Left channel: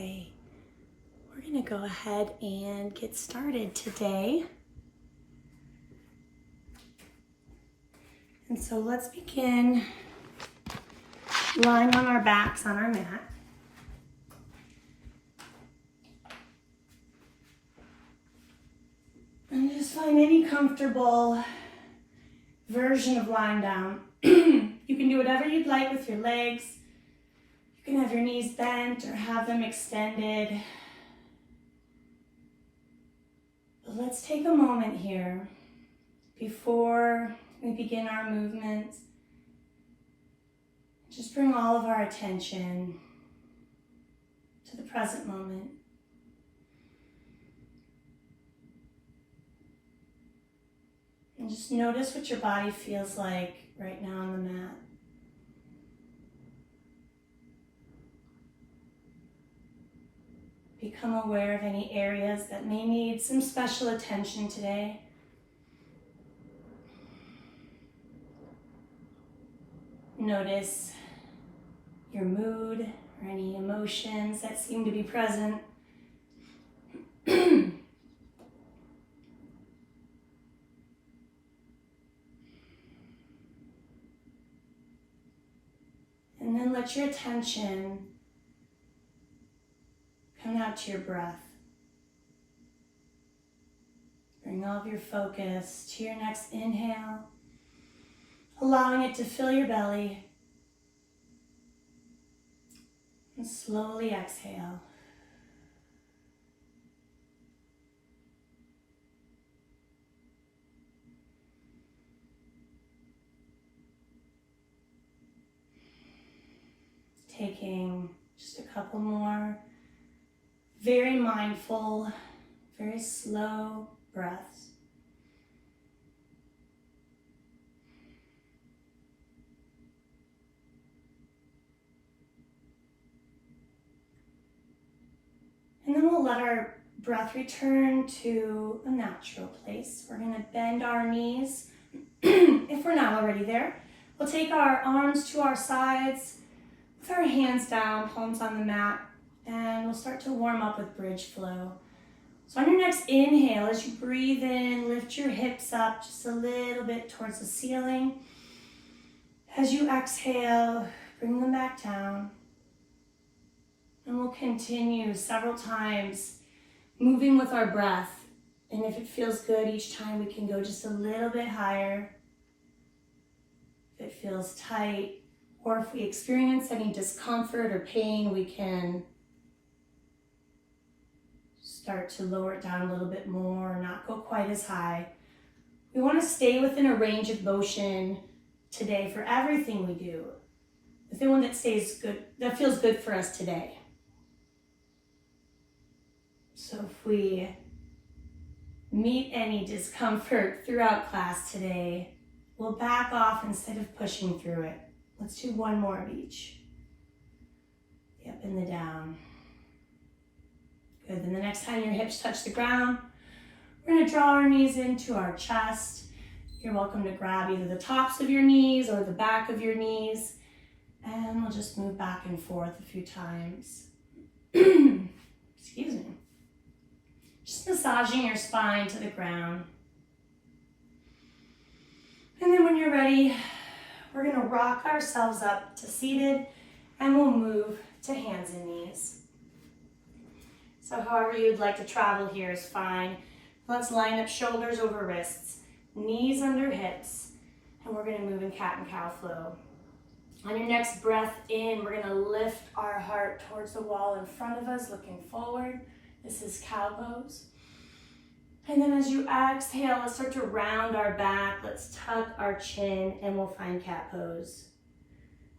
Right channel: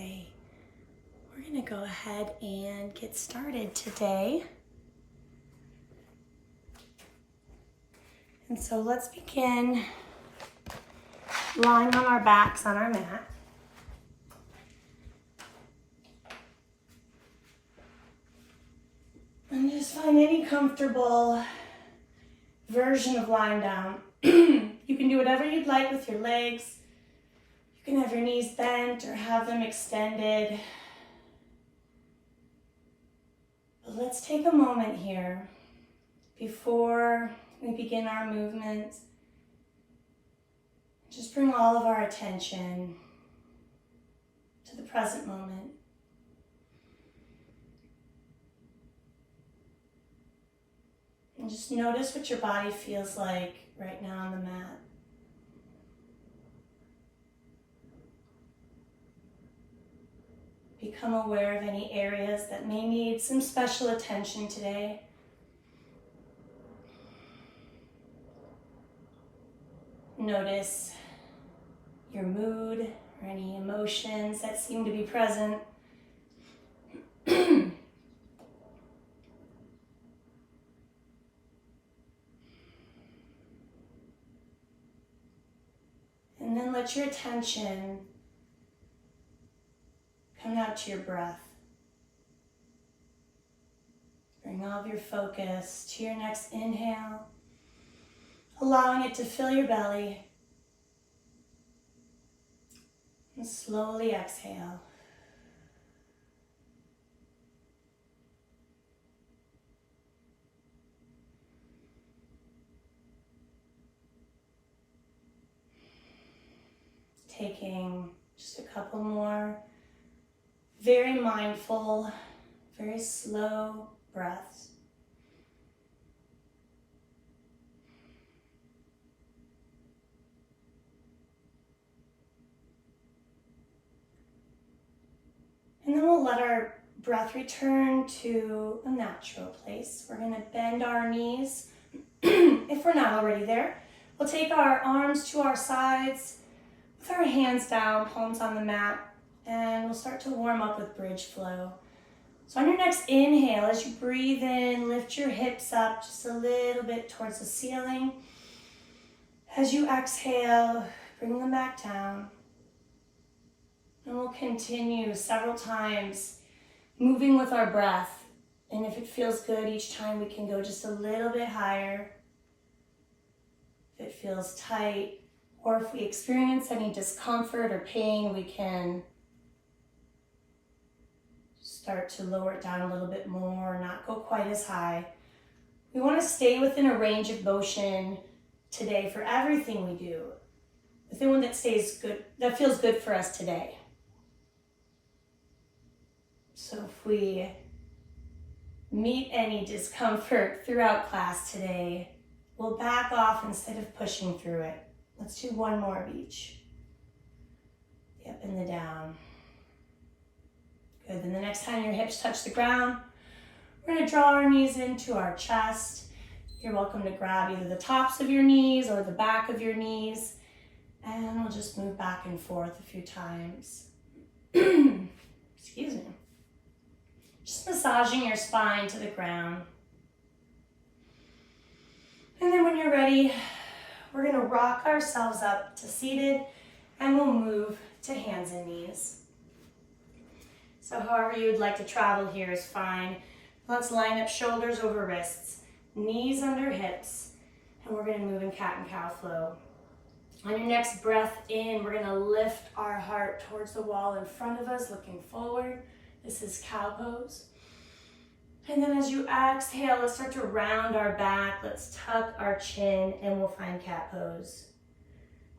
Okay, we're gonna go ahead and get started today. And so let's begin lying on our backs on our mat. And just find any comfortable version of lying down. You can do whatever you'd like with your legs. You can have your knees bent or have them extended. But let's take a moment here before we begin our movement. Just bring all of our attention to the present moment. And just notice what your body feels like right now on the mat. Become aware of any areas that may need some special attention today. Notice your mood or any emotions that seem to be present. And then let your attention come out to your breath. Bring all of your focus to your next inhale, allowing it to fill your belly. And slowly exhale. Taking just a couple more very mindful, very slow breaths. And then we'll let our breath return to a natural place. We're going to bend our knees if we're not already there. We'll take our arms to our sides with our hands down, palms on the mat, and we'll start to warm up with bridge flow. So on your next inhale, as you breathe in, lift your hips up just a little bit towards the ceiling. As you exhale, bring them back down. And we'll continue several times moving with our breath. And if it feels good, each time we can go just a little bit higher. If it feels tight, or if we experience any discomfort or pain, we can start to lower it down a little bit more, not go quite as high. We want to stay within a range of motion today for everything we do. The one that stays good, that feels good for us today. So if we meet any discomfort throughout class today, we'll back off instead of pushing through it. Let's do one more of each. The up and the down. Good, then the next time your hips touch the ground, we're gonna draw our knees into our chest. You're welcome to grab either the tops of your knees or the back of your knees. And we'll just move back and forth a few times. Excuse me. Just massaging your spine to the ground. And then when you're ready, we're gonna rock ourselves up to seated and we'll move to hands and knees. So however you would like to travel here is fine. Let's line up shoulders over wrists, knees under hips, and we're gonna move in cat and cow flow. On your next breath in, we're gonna lift our heart towards the wall in front of us, looking forward. This is cow pose. And then as you exhale, let's start to round our back. Let's tuck our chin and we'll find cat pose.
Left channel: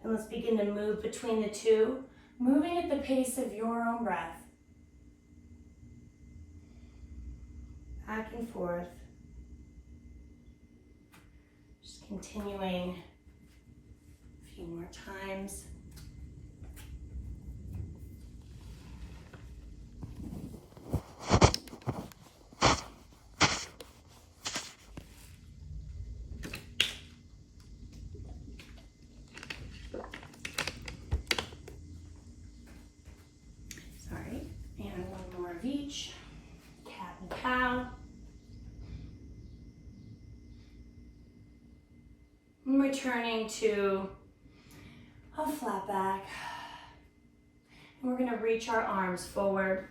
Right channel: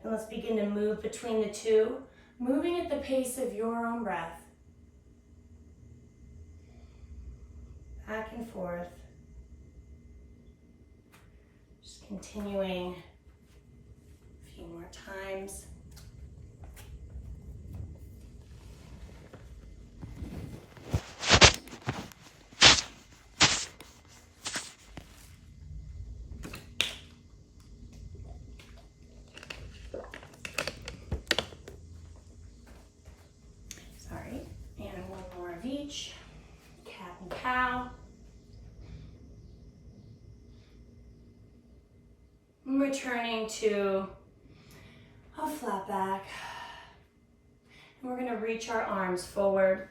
And let's begin to move between the two, moving at the pace of your own breath. Back and forth. Just continuing a few more times. Sorry. beach, cat and cow. And returning to a flat back. And we're gonna reach our arms forward.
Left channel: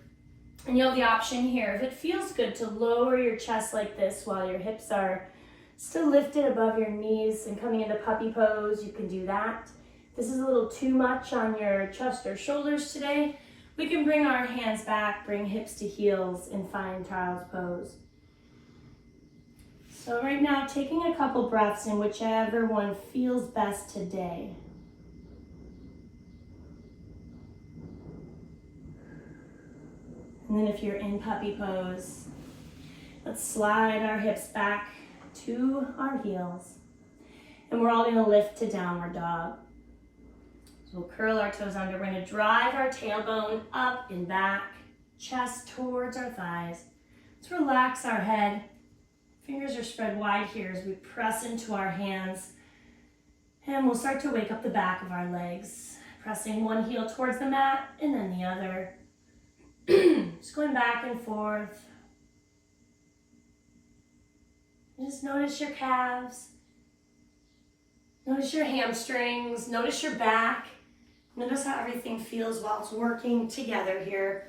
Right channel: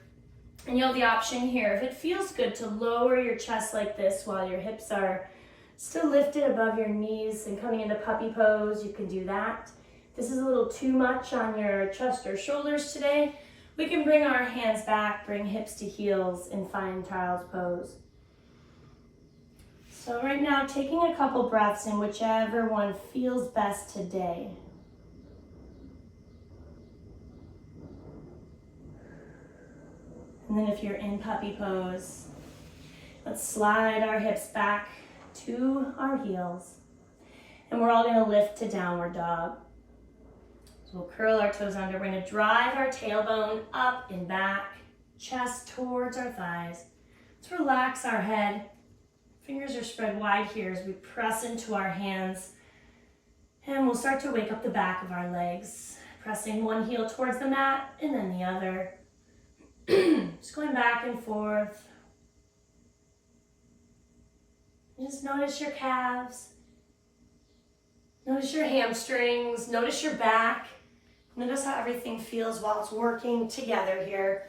And you have the option here, if it feels good, to lower your chest like this while your hips are still lifted above your knees and coming into puppy pose, you can do that. If this is a little too much on your chest or shoulders today, we can bring our hands back, bring hips to heels and find child's pose. So right now, taking a couple breaths in whichever one feels best today. And then if you're in puppy pose, let's slide our hips back to our heels. And we're all gonna lift to downward dog. So we'll curl our toes under. We're gonna drive our tailbone up and back, chest towards our thighs. Let's relax our head. Fingers are spread wide here as we press into our hands. And we'll start to wake up the back of our legs, pressing one heel towards the mat and then the other. Just going back and forth. Just notice your calves. Notice your hamstrings. Notice your back. Notice how everything feels while it's working together here.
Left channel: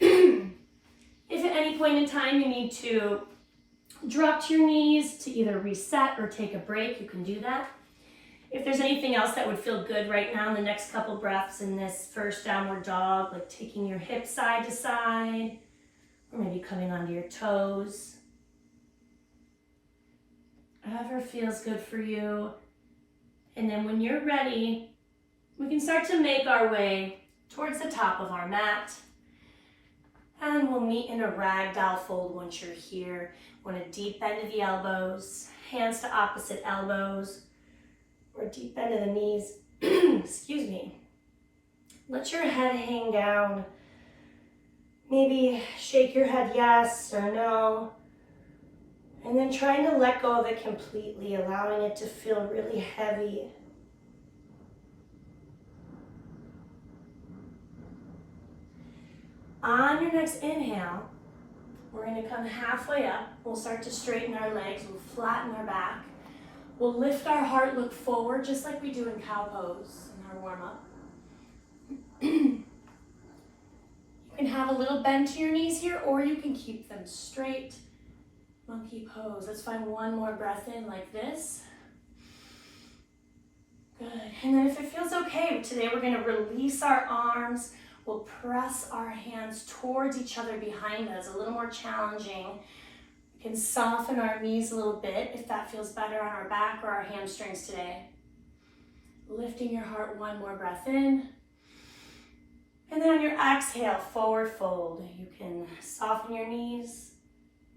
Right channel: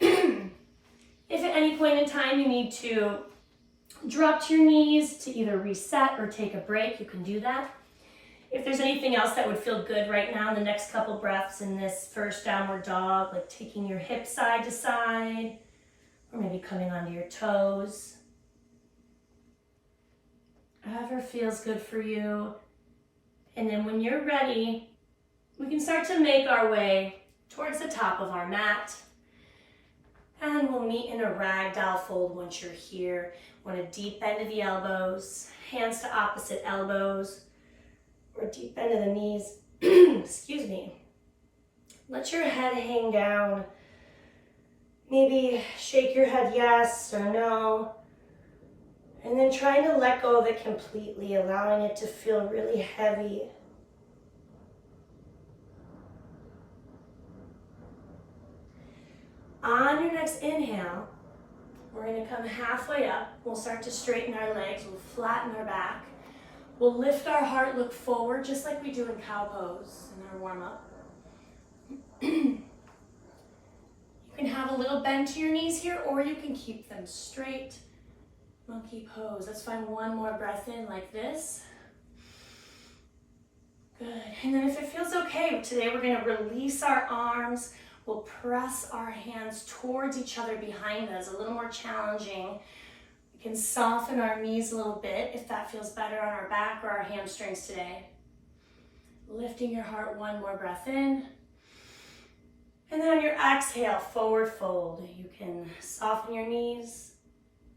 If at any point in time you need to drop to your knees to either reset or take a break, you can do that. If there's anything else that would feel good right now in the next couple breaths in this first downward dog, like taking your hips side to side, or maybe coming onto your toes. Whatever feels good for you. And then when you're ready, we can start to make our way towards the top of our mat. And we'll meet in a ragdoll fold once you're here. Want a deep bend of the elbows, hands to opposite elbows, or deep bend of the knees. Excuse me. Let your head hang down. Maybe shake your head yes or no. And then trying to let go of it completely, allowing it to feel really heavy. On your next inhale, we're going to come halfway up. We'll start to straighten our legs. We'll flatten our back. We'll lift our heart, look forward, just like we do in cow pose in our warm-up. You can have a little bend to your knees here, or you can keep them straight. Monkey pose. Let's find one more breath in like this. Good. And then if it feels okay, today we're going to release our arms. We'll press our hands towards each other behind us, a little more challenging. We can soften our knees a little bit if that feels better on our back or our hamstrings today. Lifting your heart, one more breath in. And then on your exhale, forward fold. You can soften your knees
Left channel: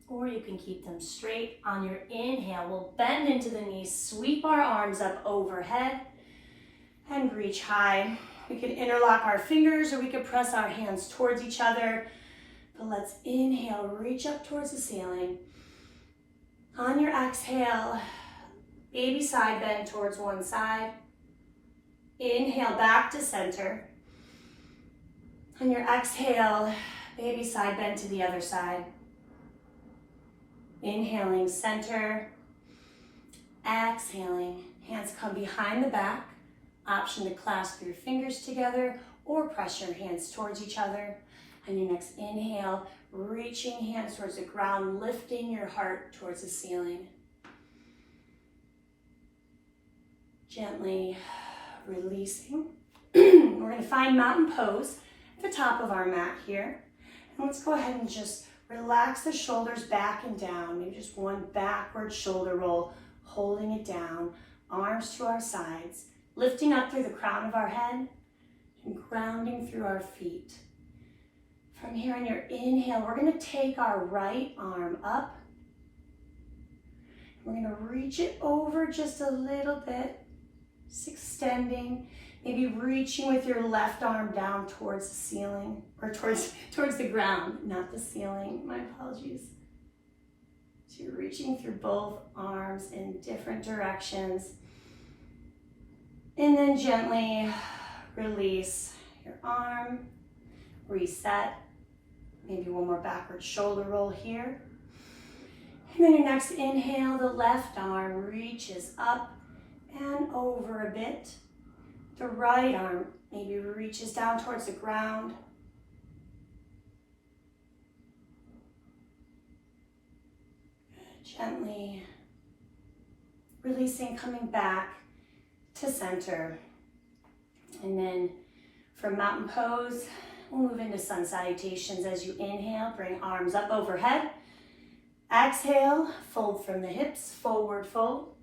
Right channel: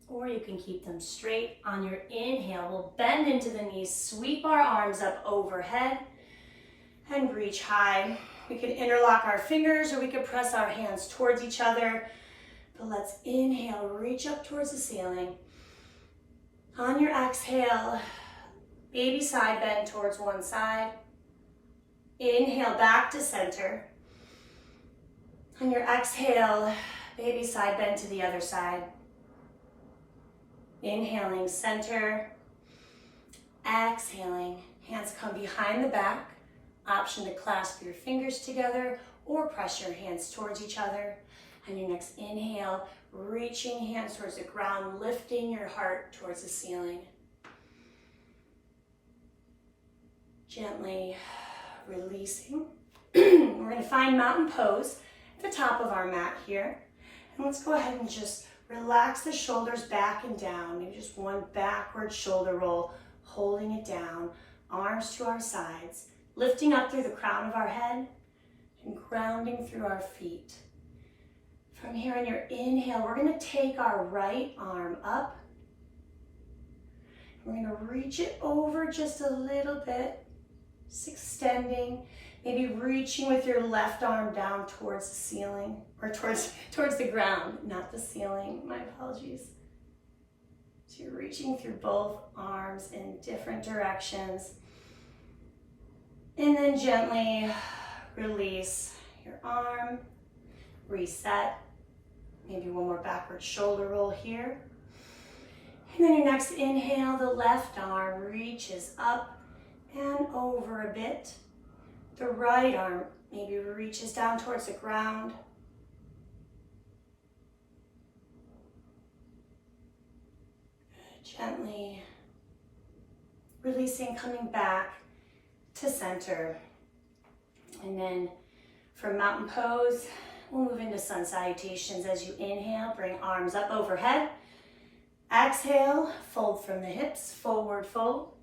or you can keep them straight. On your inhale, we'll bend into the knees, sweep our arms up overhead and reach high. We can interlock our fingers or we could press our hands towards each other. But let's inhale, reach up towards the ceiling. On your exhale, baby side bend towards one side. Inhale back to center. On your exhale, baby side bend to the other side. Inhaling center. Exhaling, hands come behind the back. Option to clasp your fingers together or press your hands towards each other. On your next inhale, reaching hands towards the ground, lifting your heart towards the ceiling. Gently releasing. We're going to find mountain pose at the top of our mat here. And let's go ahead and just relax the shoulders back and down. Maybe just one backward shoulder roll, holding it down, arms to our sides. Lifting up through the crown of our head and grounding through our feet. From here on your inhale, we're going to take our right arm up. We're going to reach it over just a little bit, just extending, maybe reaching with your left arm down towards the ceiling, or towards the ground, not the ceiling, my apologies. So you're reaching through both arms in different directions. And then gently release your arm, reset, Maybe one more backward shoulder roll here. And then your next inhale, the left arm reaches up and over a bit. The right arm maybe reaches down towards the ground. Gently releasing, coming back to center. And then from mountain pose, we'll move into sun salutations. As you inhale, bring arms up overhead. Exhale, fold from the hips, forward fold.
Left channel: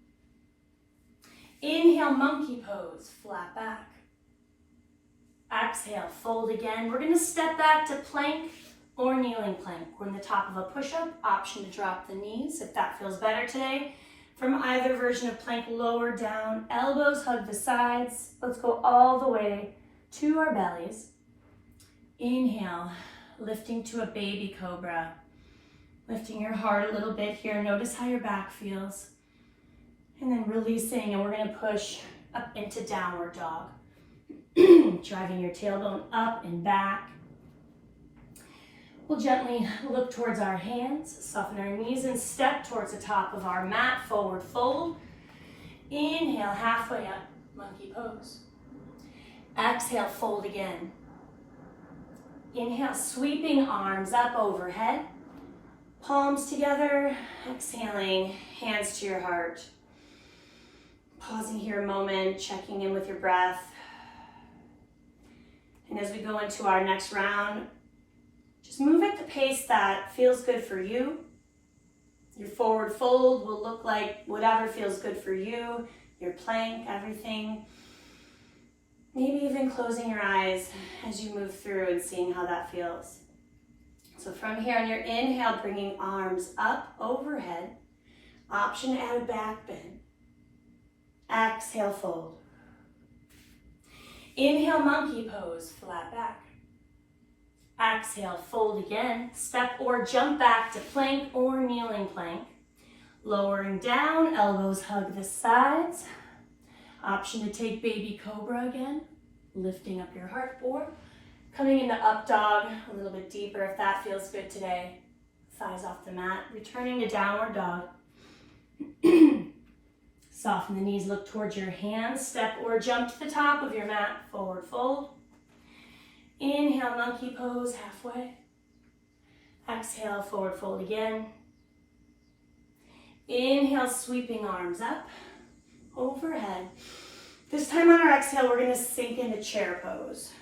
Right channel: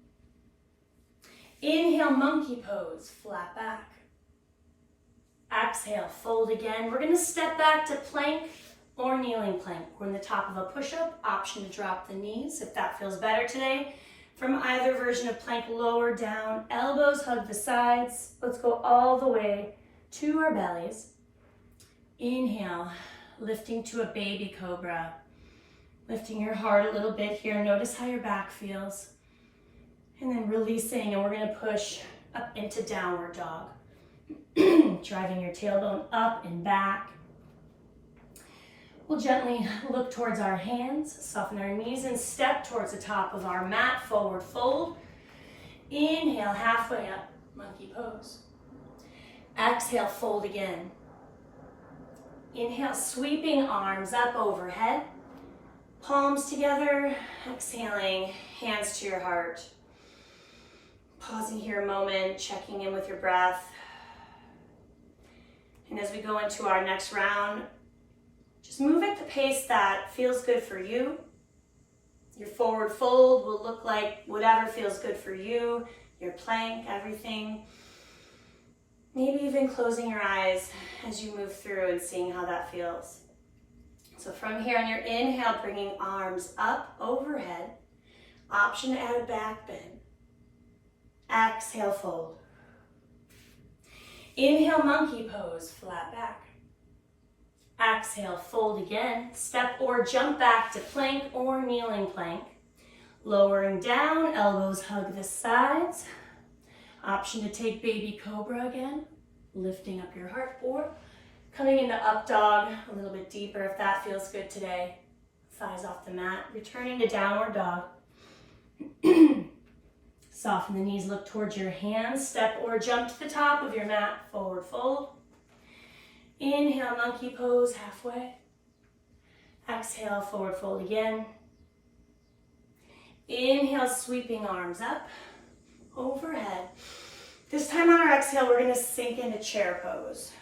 Inhale, monkey pose, flat back. Exhale, fold again. We're gonna step back to plank or kneeling plank. We're in the top of a push-up, option to drop the knees if that feels better today. From either version of plank, lower down, elbows hug the sides. Let's go all the way to our bellies. Inhale, lifting to a baby cobra. Lifting your heart a little bit here. Notice how your back feels. And then releasing, and we're gonna push up into downward dog. Driving your tailbone up and back. We'll gently look towards our hands, soften our knees, and step towards the top of our mat, forward fold. Inhale, halfway up, monkey pose. Exhale, fold again. Inhale, sweeping arms up overhead. Palms together, exhaling, hands to your heart. Pausing here a moment, checking in with your breath. And as we go into our next round, just move at the pace that feels good for you. Your forward fold will look like whatever feels good for you. Your plank, everything. Maybe even closing your eyes as you move through and seeing how that feels. So from here on your inhale, bringing arms up overhead. Option to add a back bend. Exhale, fold. Inhale, monkey pose, flat back. Exhale, fold again. Step or jump back to plank or kneeling plank. Lowering down, elbows hug the sides. Option to take baby cobra again. Lifting up your heart, or coming into up dog a little bit deeper if that feels good today. Thighs off the mat. Returning to downward dog. Soften the knees, look towards your hands. Step or jump to the top of your mat, forward fold. Inhale, monkey pose, halfway. Exhale, forward fold again. Inhale, sweeping arms up, overhead. This time on our exhale, we're gonna sink into chair pose.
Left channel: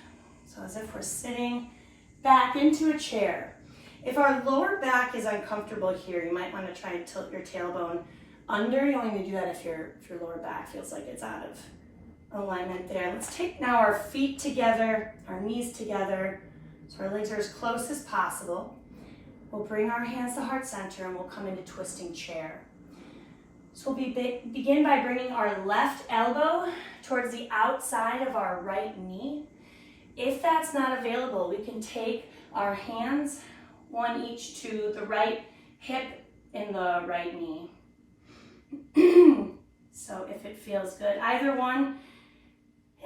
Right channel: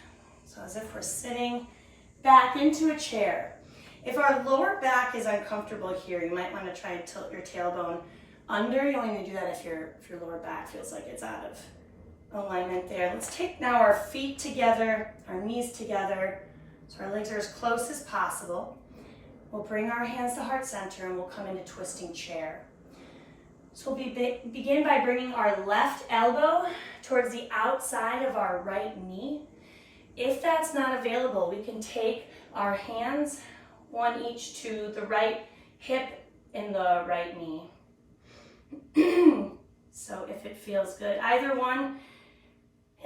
So as if we're sitting back into a chair. If our lower back is uncomfortable here, you might wanna try to tilt your tailbone under. You only need to do that if your lower back feels like it's out of alignment there. Let's take now our feet together, our knees together, so our legs are as close as possible. We'll bring our hands to heart center and we'll come into twisting chair. So we'll begin by bringing our left elbow towards the outside of our right knee. If that's not available, we can take our hands, one each to the right hip and the right knee. So if it feels good, either one.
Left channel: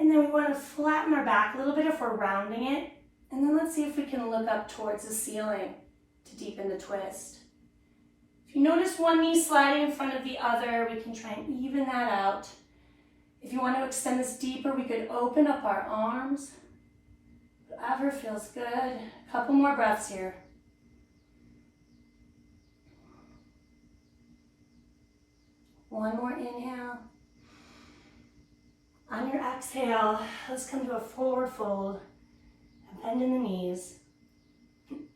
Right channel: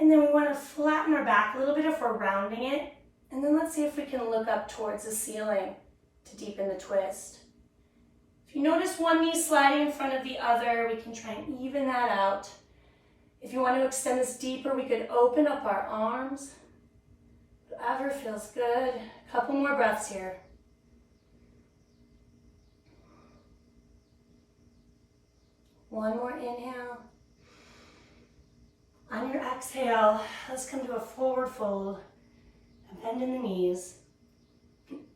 And then we want to flatten our back a little bit if we're rounding it. And then let's see if we can look up towards the ceiling to deepen the twist. If you notice one knee sliding in front of the other, we can try and even that out. If you want to extend this deeper, we could open up our arms. Whatever feels good. A couple more breaths here. One more inhale. On your exhale, let's come to a forward fold and bend in the knees.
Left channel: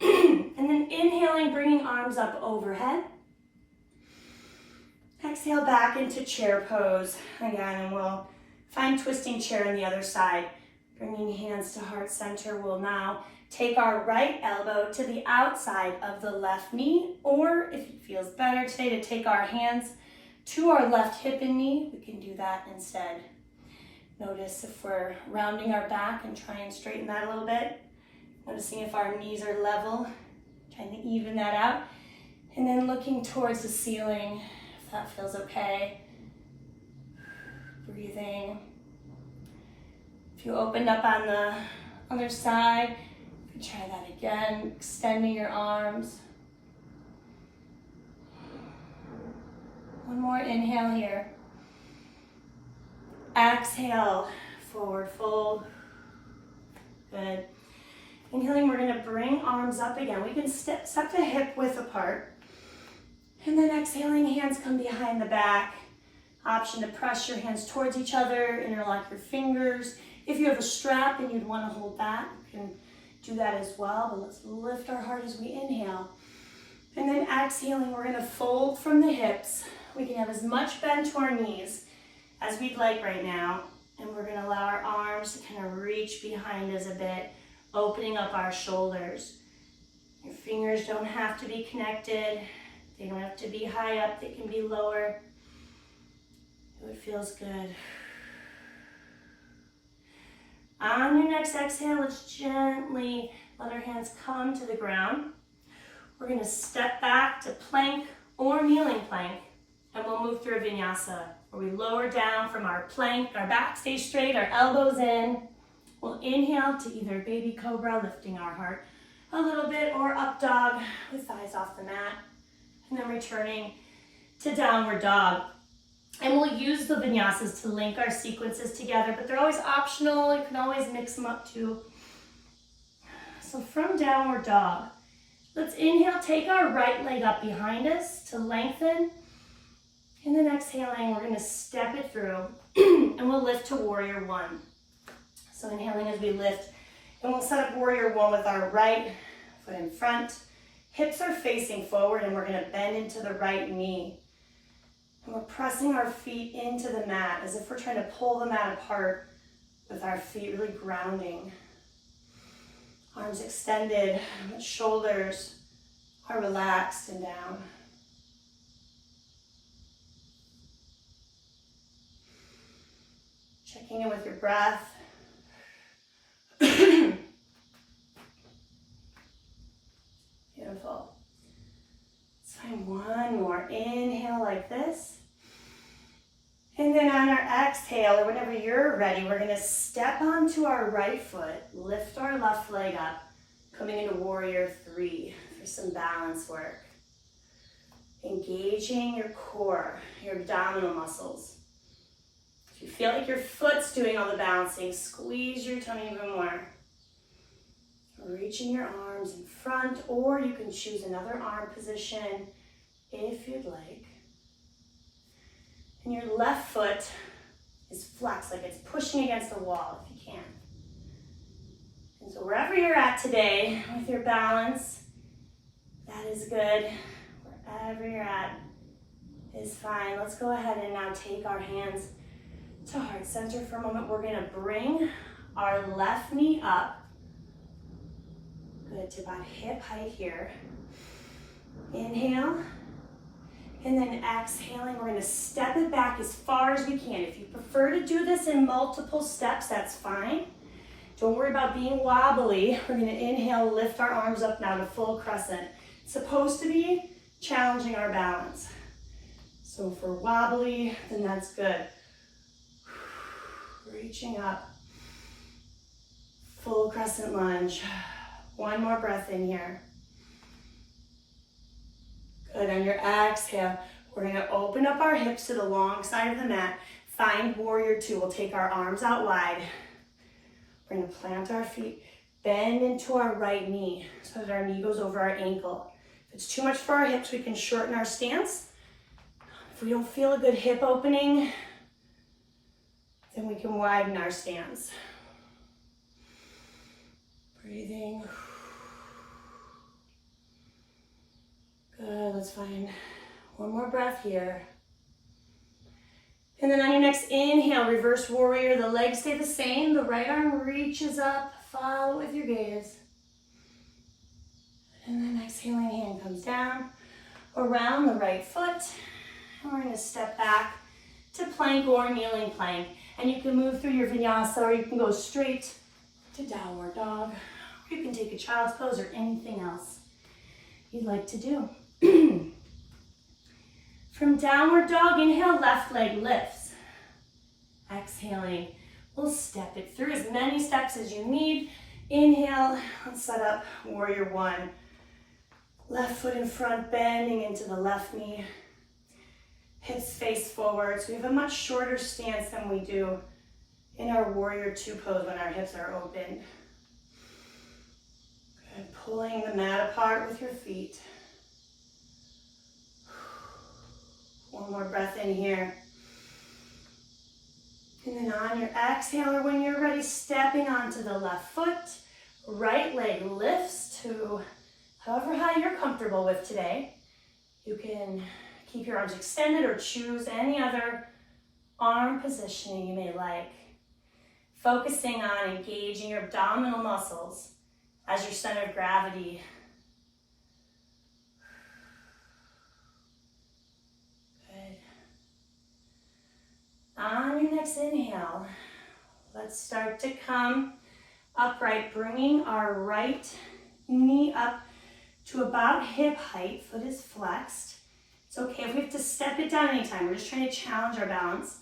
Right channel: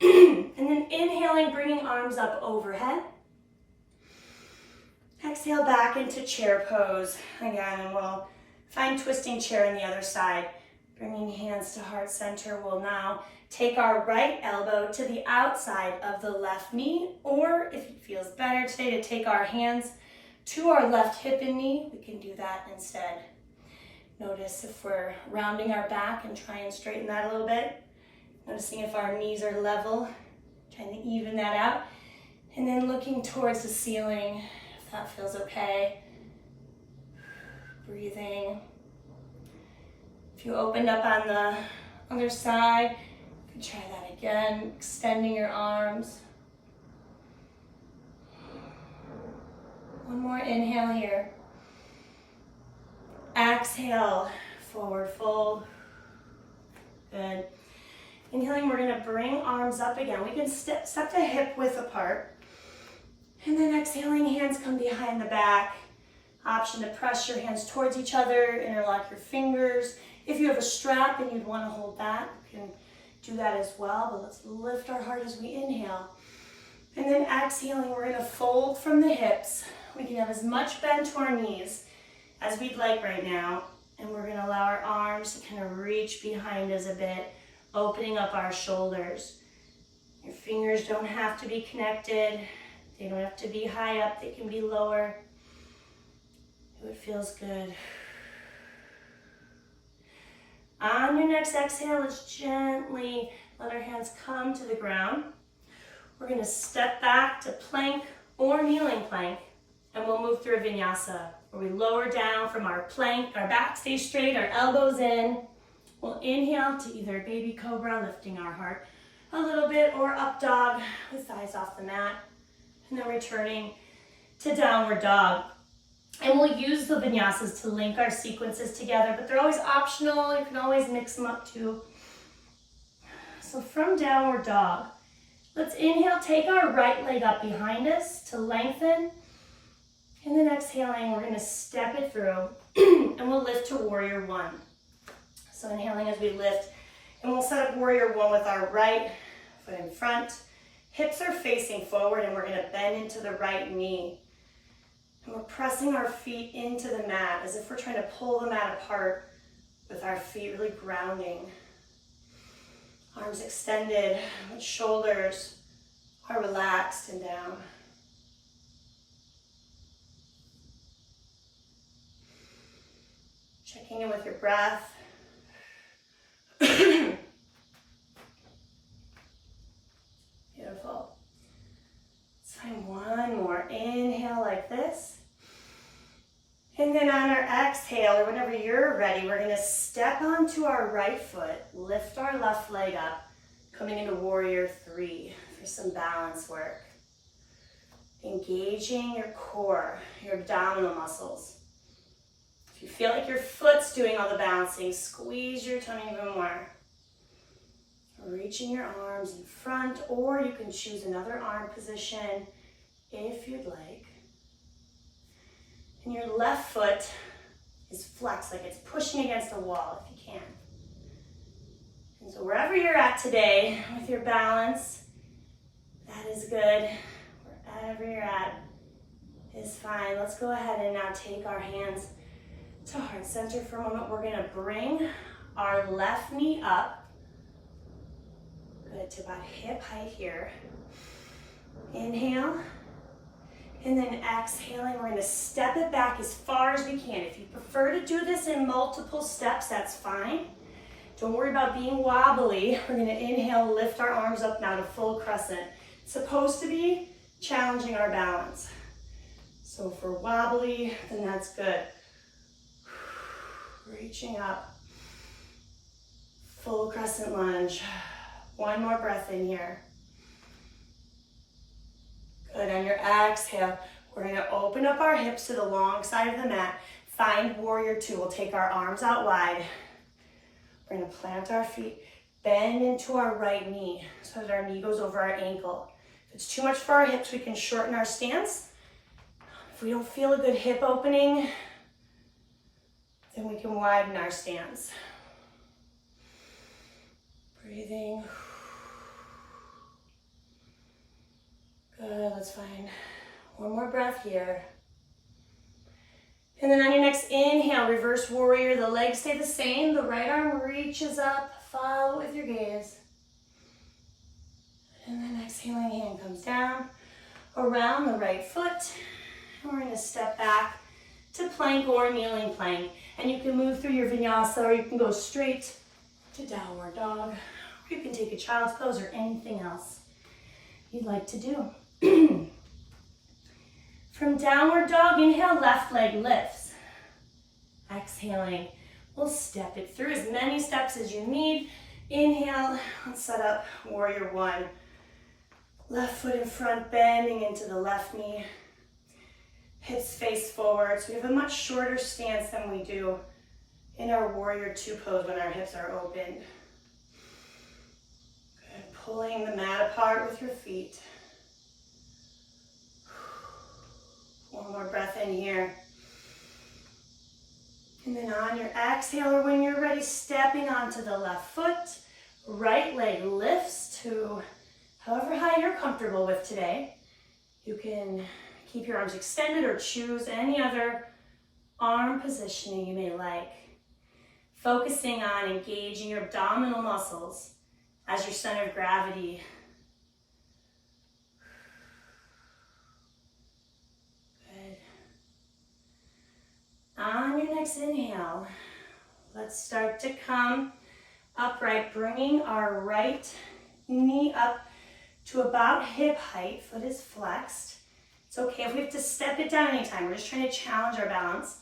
And then inhaling, bringing arms up overhead. Exhale back into chair pose again, and we'll find twisting chair on the other side. Bringing hands to heart center, we'll now take our right elbow to the outside of the left knee, or if it feels better today to take our hands to our left hip and knee, we can do that instead. Notice if we're rounding our back and try and straighten that a little bit. Noticing if our knees are level, trying to even that out. And then looking towards the ceiling, if that feels okay. Breathing. If you opened up on the other side, You can try that again, extending your arms. One more inhale here. Exhale, forward fold. Good. Inhaling, we're gonna bring arms up again. We can step the hip width apart. And then exhaling, hands come behind the back. Option to press your hands towards each other, interlock your fingers. If you have a strap and you'd wanna hold that, you can do that as well, but let's lift our heart as we inhale. And then exhaling, we're gonna fold from the hips. We can have as much bend to our knees as we'd like right now. And we're gonna allow our arms to kind of reach behind us a bit, opening up our shoulders. Your fingers don't have to be connected. They don't have to be high up, they can be lower. It feels good. On your next exhale, let's gently let our hands come to the ground. We're gonna step back to plank or kneeling plank, and we'll move through a vinyasa, where we lower down from our plank, our back stays straight, our elbows in. We'll inhale to either baby cobra, lifting our heart a little bit, or up dog with thighs off the mat. And then returning to downward dog. And we'll use the vinyasas to link our sequences together, but they're always optional. You can always mix them up too. So from downward dog, let's inhale, take our right leg up behind us to lengthen. And then exhaling, we're gonna step it through and we'll lift to warrior one. So inhaling as we lift, and we'll set up warrior one with our right foot in front. Hips are facing forward, and we're gonna bend into the right knee. And we're pressing our feet into the mat as if we're trying to pull the mat apart with our feet really grounding. Arms extended, shoulders are relaxed and down. Checking in with your breath. Beautiful. Let's find one more. Inhale like this. And then on our exhale, or whenever you're ready, we're gonna step onto our right foot, lift our left leg up, coming into warrior three for some balance work. Engaging your core, your abdominal muscles. If you feel like your foot's doing all the balancing, squeeze your tummy even more. Reaching your arms in front, or you can choose another arm position if you'd like. And your left foot is flexed, like it's pushing against the wall if you can. And so wherever you're at today with your balance, that is good. Wherever you're at is fine. Let's go ahead and now take our hands to heart center for a moment. We're gonna bring our left knee up. Good, to about hip height here. Inhale. And then exhaling, we're gonna step it back as far as we can. If you prefer to do this in multiple steps, that's fine. Don't worry about being wobbly. We're gonna inhale, lift our arms up now to full crescent. It's supposed to be challenging our balance. So if we're wobbly, then that's good. Reaching up. Full crescent lunge. One more breath in here. Good, on your exhale, we're gonna open up our hips to the long side of the mat. Find warrior two. We'll take our arms out wide. We're gonna plant our feet, bend into our right knee so that our knee goes over our ankle. If it's too much for our hips, we can shorten our stance. If we don't feel a good hip opening, then we can widen our stance. Breathing. Good, let's find one more breath here. And then on your next inhale, reverse warrior, the legs stay the same, the right arm reaches up, follow with your gaze. And then exhaling, hand comes down, around the right foot. And we're gonna step back to plank or kneeling plank. And you can move through your vinyasa, or you can go straight to downward dog. Or you can take a child's pose or anything else you'd like to do. From downward dog, inhale, left leg lifts. Exhaling, we'll step it through as many steps as you need. Inhale, let's set up warrior one. Left foot in front, bending into the left knee. Hips face forward. So we have a much shorter stance than we do in our warrior two pose when our hips are open. Good. Pulling the mat apart with your feet. One more breath in here. And then on your exhale, or when you're ready, stepping onto the left foot. Right leg lifts to however high you're comfortable with today. You can keep your arms extended or choose any other arm positioning you may like. Focusing on engaging your abdominal muscles as your center of gravity. Good. On your next inhale, let's start to come upright, bringing our right knee up to about hip height. Foot is flexed. It's okay if we have to step it down anytime. We're just trying to challenge our balance.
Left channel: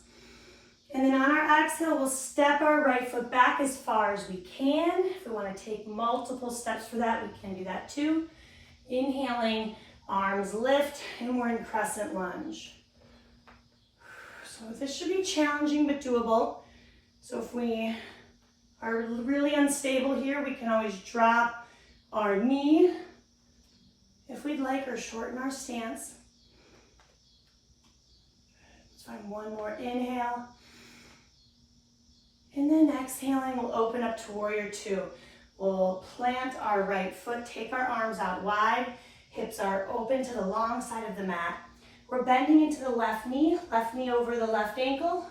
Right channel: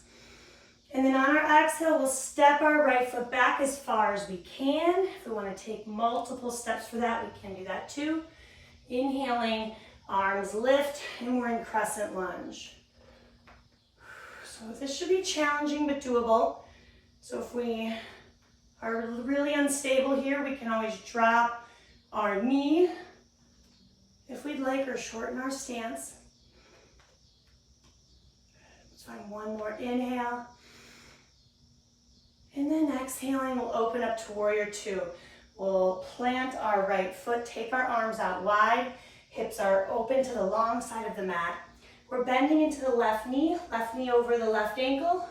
And then on our exhale, we'll step our right foot back as far as we can. If we want to take multiple steps for that, we can do that too. Inhaling, arms lift, and we're in crescent lunge. So this should be challenging but doable. So if we are really unstable here, we can always drop our knee if we'd like, or shorten our stance. Let's find one more inhale. And then exhaling, we'll open up to warrior two. We'll plant our right foot, take our arms out wide. Hips are open to the long side of the mat. We're bending into the left knee over the left ankle.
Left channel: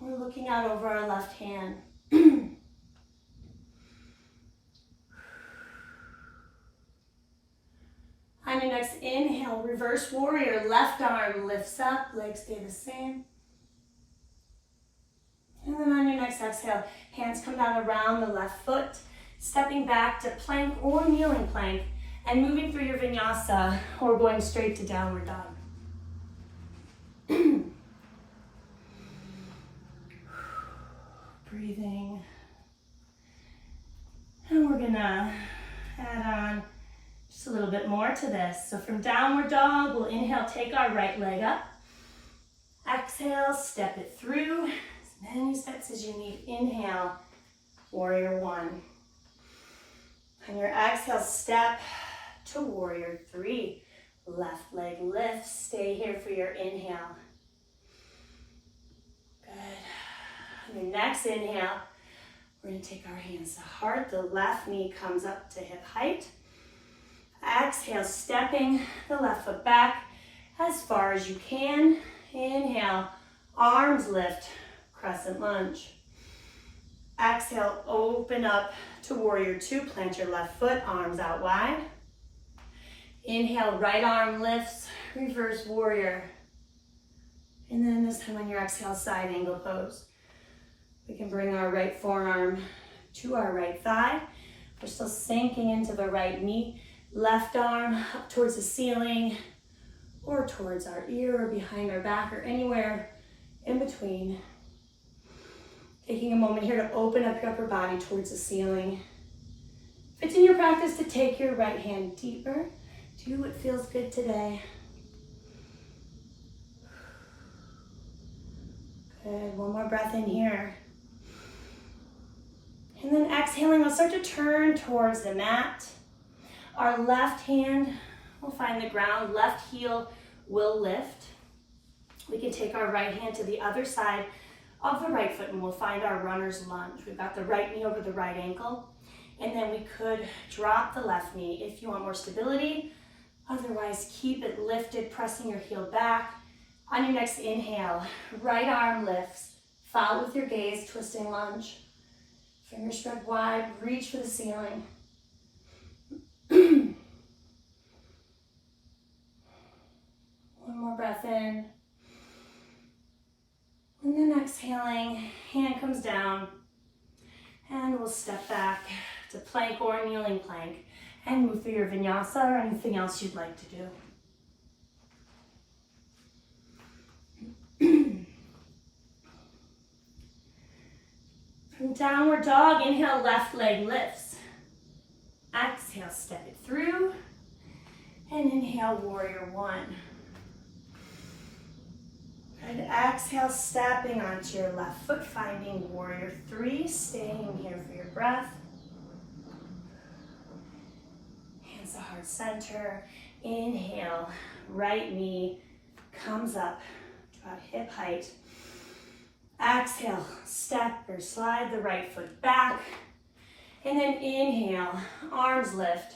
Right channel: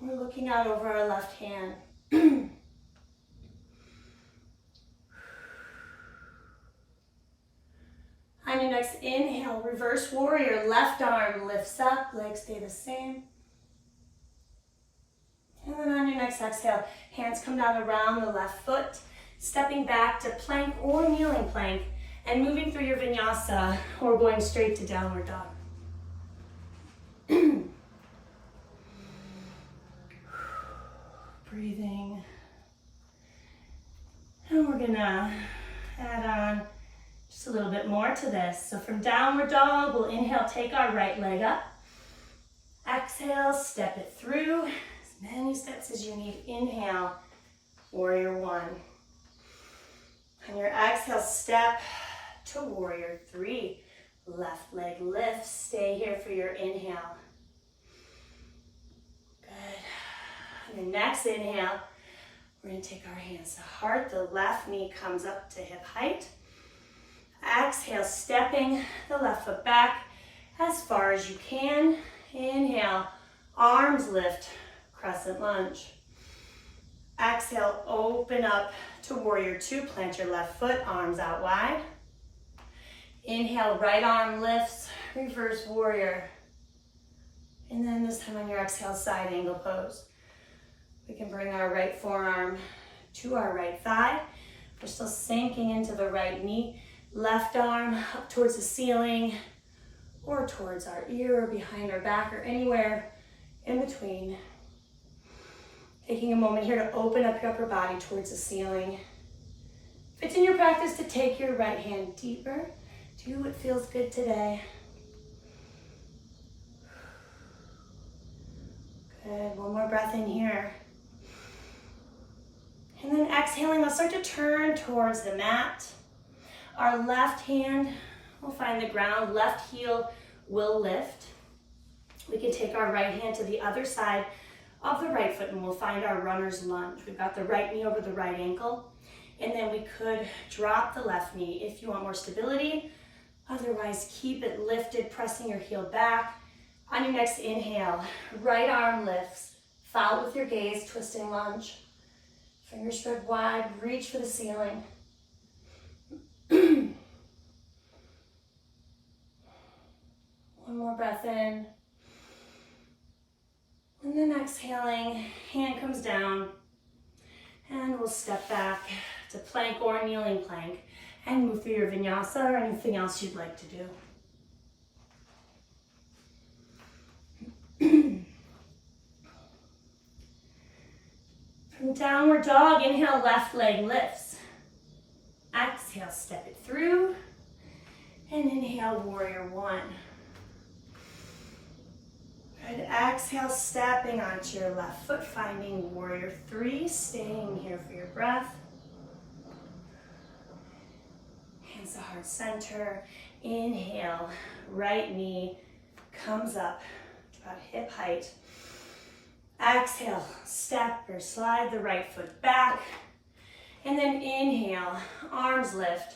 We're looking out over our left hand. On your next inhale, reverse warrior, left arm lifts up, legs stay the same. And then on your next exhale, hands come down around the left foot, stepping back to plank or kneeling plank, and moving through your vinyasa or going straight to downward dog. Breathing. And we're gonna add on just a little bit more to this. So from downward dog, we'll inhale, take our right leg up. Exhale, step it through as many steps as you need. Inhale, warrior one. On your exhale, step to warrior three. Left leg lifts, stay here for your inhale. Good. On your next inhale, we're gonna take our hands to heart. The left knee comes up to hip height. Exhale, stepping the left foot back as far as you can. Inhale, arms lift, crescent lunge. Exhale, open up to warrior two. Plant your left foot, arms out wide. Inhale, right arm lifts, reverse warrior. And then this time on your exhale, side angle pose. We can bring our right forearm to our right thigh. We're still sinking into the right knee. Left arm up towards the ceiling or towards our ear or behind our back or anywhere in between. Taking a moment here to open up your upper body towards the ceiling. If it's in your practice to take your right hand deeper, do what feels good today. Good, one more breath in here. And then exhaling, we'll start to turn towards the mat. Our left hand will find the ground, left heel will lift. We can take our right hand to the other side of the right foot and we'll find our runner's lunge. We've got the right knee over the right ankle. And then we could drop the left knee if you want more stability. Otherwise, keep it lifted, pressing your heel back. On your next inhale, right arm lifts. Follow with your gaze, twisting lunge. Fingers spread wide, reach for the ceiling. One more breath in. And then exhaling, hand comes down. And we'll step back to plank or kneeling plank and move through your vinyasa or anything else you'd like to do. From downward dog, inhale, left leg lifts. Exhale, step it through. And inhale, warrior one. And exhale, stepping onto your left foot, finding warrior three, staying here for your breath. Hands to heart center. Inhale, right knee comes up to about hip height. Exhale, step or slide the right foot back. And then inhale, arms lift,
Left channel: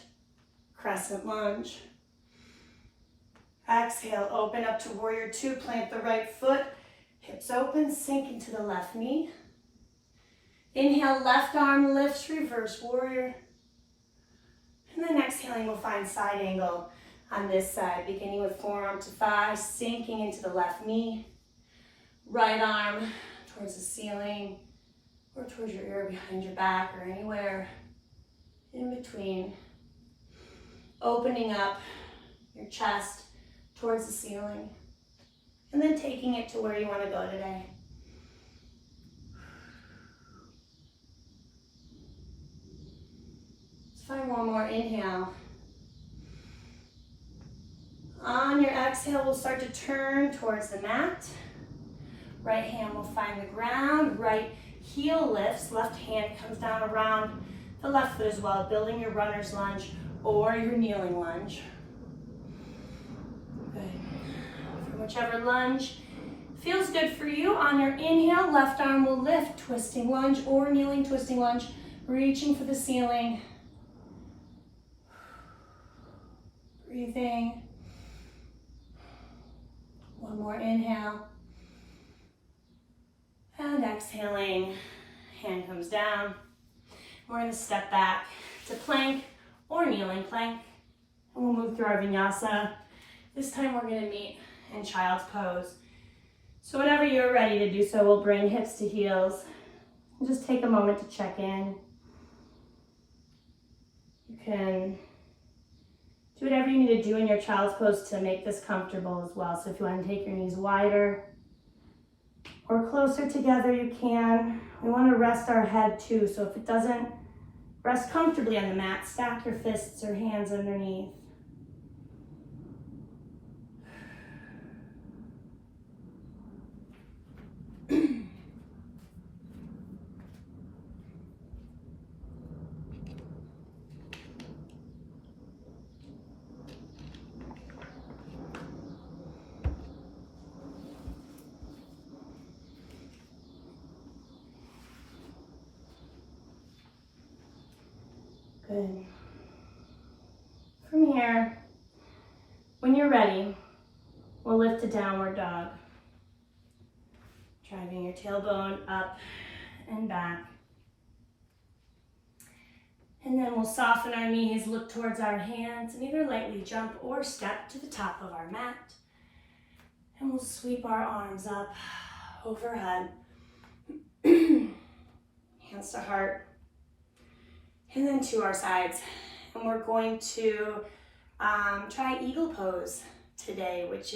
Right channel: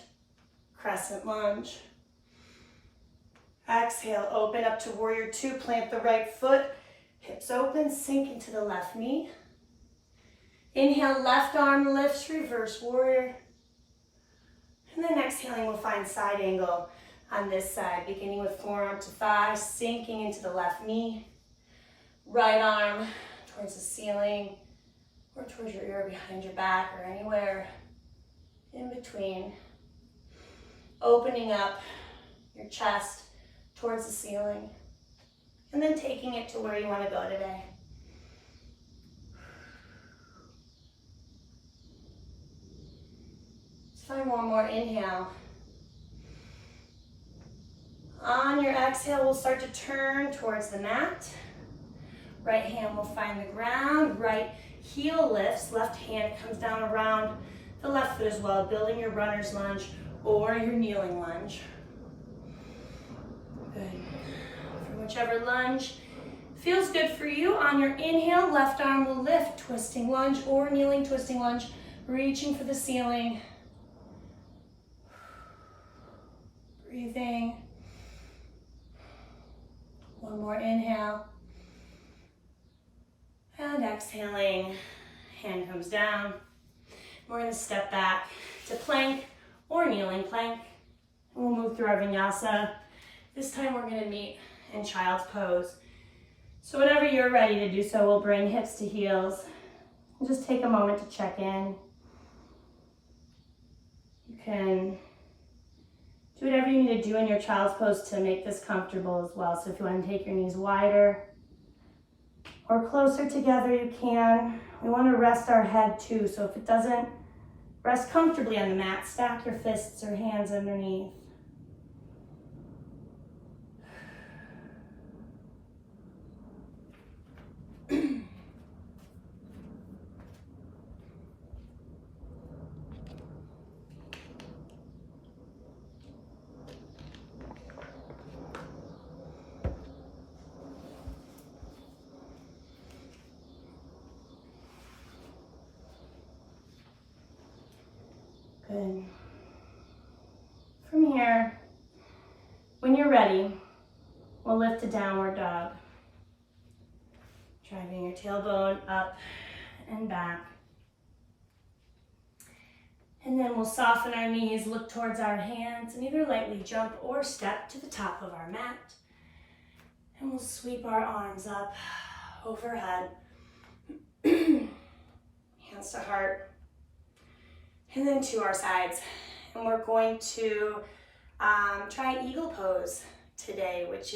crescent lunge. Exhale, open up to warrior two, plant the right foot, hips open, sink into the left knee. Inhale, left arm lifts, reverse warrior. And then exhaling, we'll find side angle on this side, beginning with forearm to thigh, sinking into the left knee. Right arm towards the ceiling or towards your ear behind your back or anywhere in between. Opening up your chest towards the ceiling and then taking it to where you want to go today. Let's find one more inhale. On your exhale, we'll start to turn towards the mat. Right hand will find the ground, right heel lifts, left hand comes down around the left foot as well, building your runner's lunge or your kneeling lunge. Good. From whichever lunge feels good for you, on your inhale, left arm will lift, twisting lunge or kneeling twisting lunge, reaching for the ceiling. Breathing. One more inhale. And exhaling, hand comes down. We're gonna step back to plank or kneeling plank. And we'll move through our vinyasa. This time we're gonna meet in child's pose. So whenever you're ready to do so, we'll bring hips to heels. And just take a moment to check in. You can do whatever you need to do in your child's pose to make this comfortable as well. So if you want to take your knees wider or closer together, you can. We want to rest our head too. So if it doesn't rest comfortably on the mat, stack your fists or hands underneath. Good. From here, when you're ready, we'll lift to downward dog. Driving your tailbone up and back. And then we'll soften our knees, look towards our hands, and either lightly jump or step to the top of our mat. And we'll sweep our arms up overhead. Hands to heart. And then to our sides. And we're going to try eagle pose today, which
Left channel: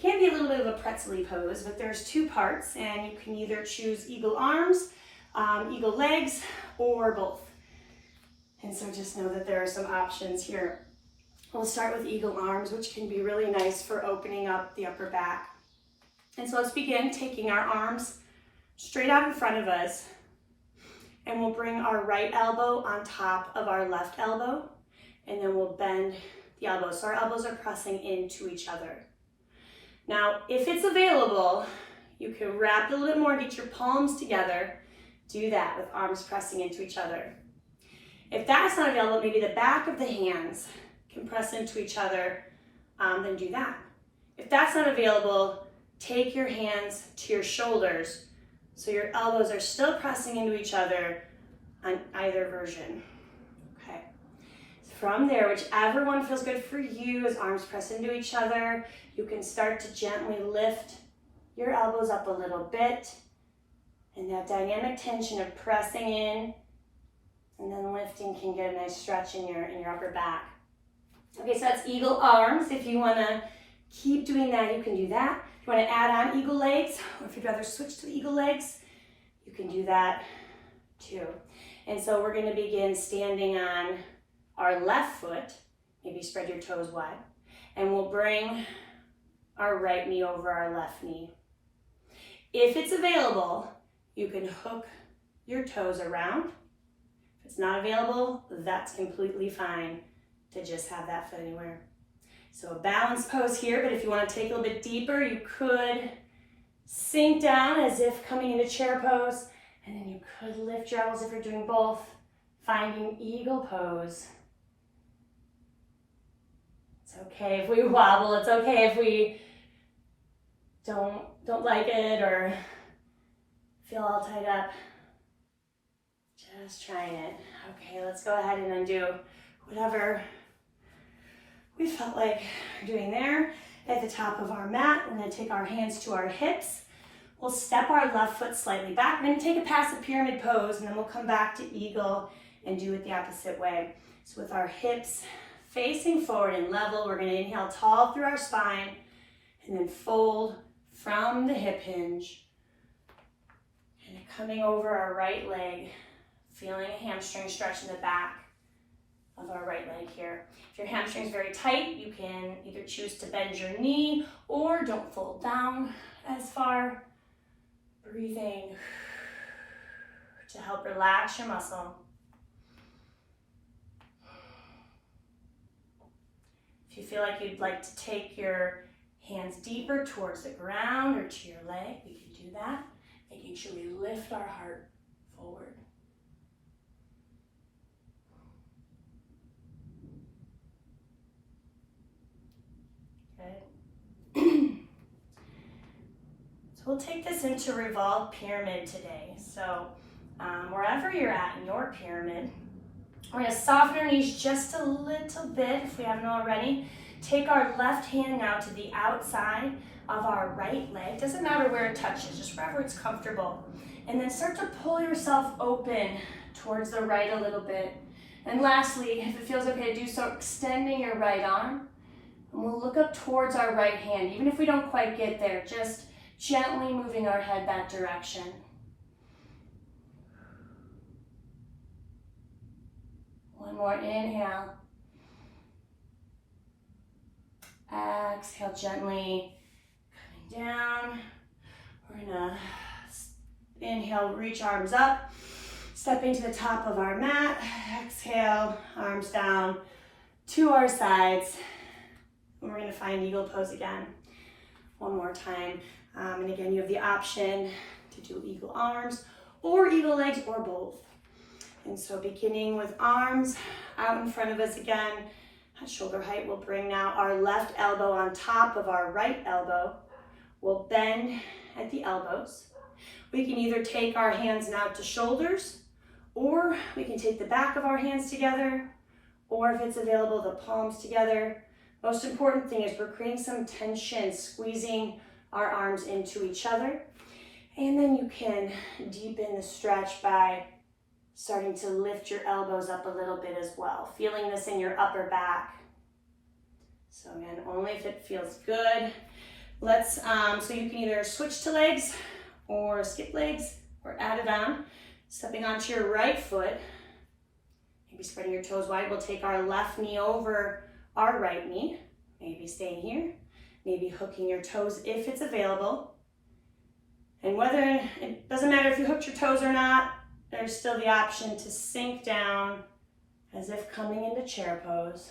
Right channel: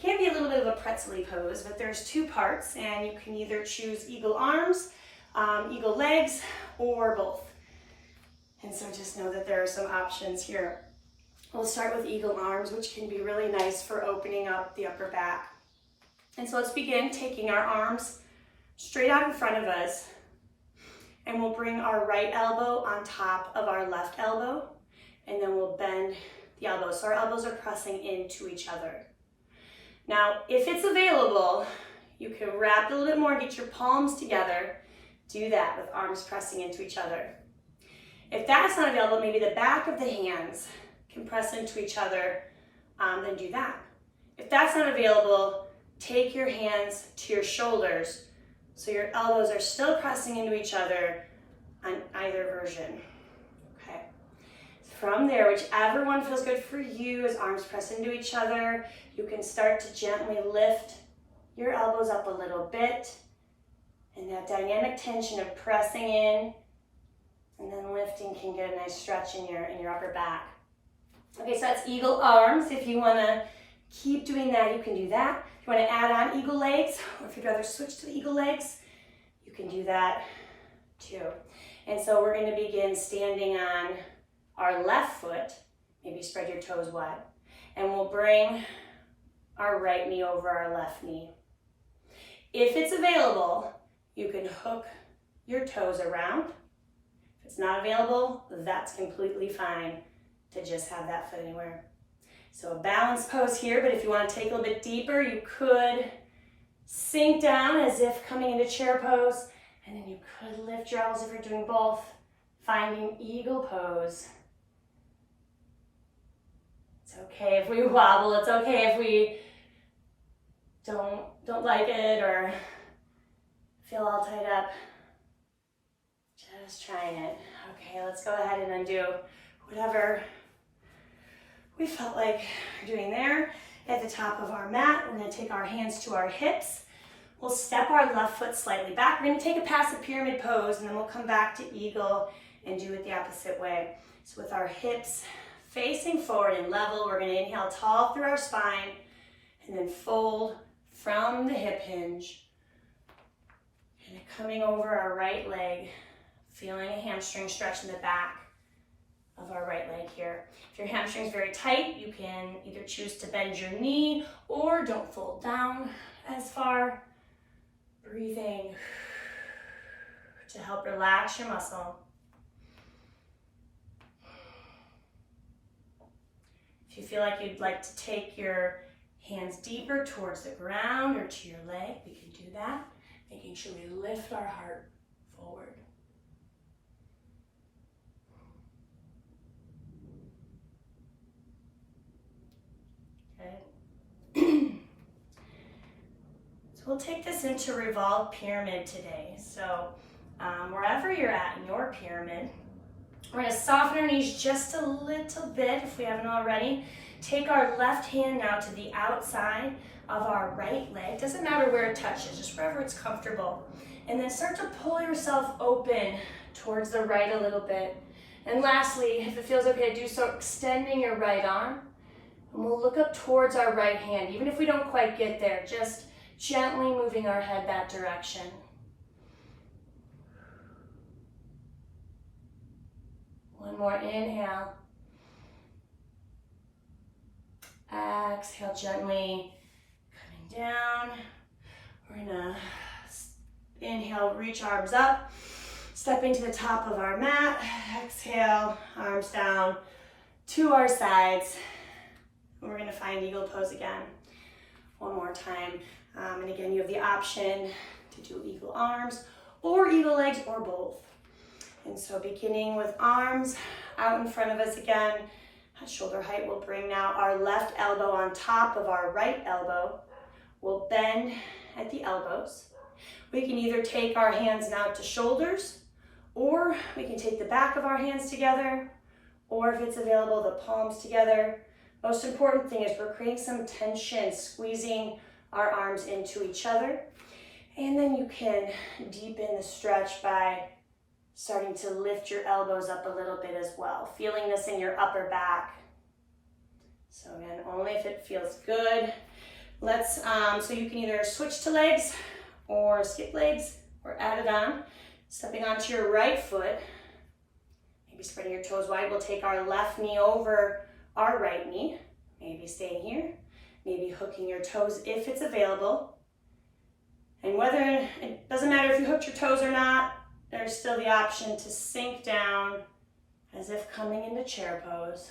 can be a little bit of a pretzel-y pose, but there's two parts, and you can either choose eagle arms, eagle legs, or both. And so just know that there are some options here. We'll start with eagle arms, which can be really nice for opening up the upper back. And so let's begin taking our arms straight out in front of us. And we'll bring our right elbow on top of our left elbow, and then we'll bend the elbows. So our elbows are pressing into each other. Now, if it's available, you can wrap it a little bit more, get your palms together. Do that with arms pressing into each other. If that's not available, maybe the back of the hands can press into each other, then do that. If that's not available, take your hands to your shoulders so your elbows are still pressing into each other on either version. Okay. From there, whichever one feels good for you, as arms press into each other, you can start to gently lift your elbows up a little bit. And that dynamic tension of pressing in and then lifting can get a nice stretch in your upper back. Okay, so that's eagle arms. If you want to keep doing that, you can do that. If you want to add on eagle legs, or if you'd rather switch to the eagle legs, you can do that too. And so we're going to begin standing on our left foot. Maybe spread your toes wide. And we'll bring our right knee over our left knee. If it's available, you can hook your toes around. If it's not available, that's completely fine to just have that foot anywhere. So a balanced pose here, but if you want to take a little bit deeper, you could sink down as if coming into chair pose, and then you could lift your elbows if you're doing both, finding eagle pose. It's okay if we wobble, it's okay if we don't like it or feel all tied up. Just trying it. Okay, let's go ahead and undo whatever we felt like doing there. At the top of our mat, we're going to take our hands to our hips. We'll step our left foot slightly back. We're going to take a passive pyramid pose, and then we'll come back to eagle and do it the opposite way. So with our hips facing forward and level, we're going to inhale tall through our spine, and then fold from the hip hinge. And coming over our right leg, feeling a hamstring stretch in the back of our right leg here. If your hamstring is very tight, you can either choose to bend your knee or don't fold down as far. Breathing to help relax your muscle. If you feel like you'd like to take your hands deeper towards the ground or to your leg, we can do that, making sure we lift our heart forward. We'll take this into revolved pyramid today. So wherever you're at in your pyramid, we're going to soften our knees just a little bit if we haven't already. Take our left hand now to the outside of our right leg. Doesn't matter where it touches, just wherever it's comfortable. And then start to pull yourself open towards the right a little bit. And lastly, if it feels okay to do so, extending your right arm. And we'll look up towards our right hand, even if we don't quite get there, just gently moving our head that direction. One more inhale. Exhale gently, coming down. We're gonna inhale, reach arms up, stepping to the top of our mat. Exhale, arms down to our sides. And we're gonna find eagle pose again. One more time. And again, you have the option to do eagle arms or eagle legs or both. And so beginning with arms out in front of us again, at shoulder height, we'll bring now our left elbow on top of our right elbow. We'll bend at the elbows. We can either take our hands now to shoulders, or we can take the back of our hands together, or if it's available, the palms together. Most important thing is we're creating some tension, squeezing our arms into each other. And then you can deepen the stretch by starting to lift your elbows up a little bit as well, feeling this in your upper back. So again, only if it feels good. Let's, so you can either switch to legs or skip legs or add it on. Stepping onto your right foot, maybe spreading your toes wide. We'll take our left knee over our right knee, maybe staying here. Maybe hooking your toes if it's available. And whether, it doesn't matter if you hooked your toes or not, there's still the option to sink down as if coming into chair pose.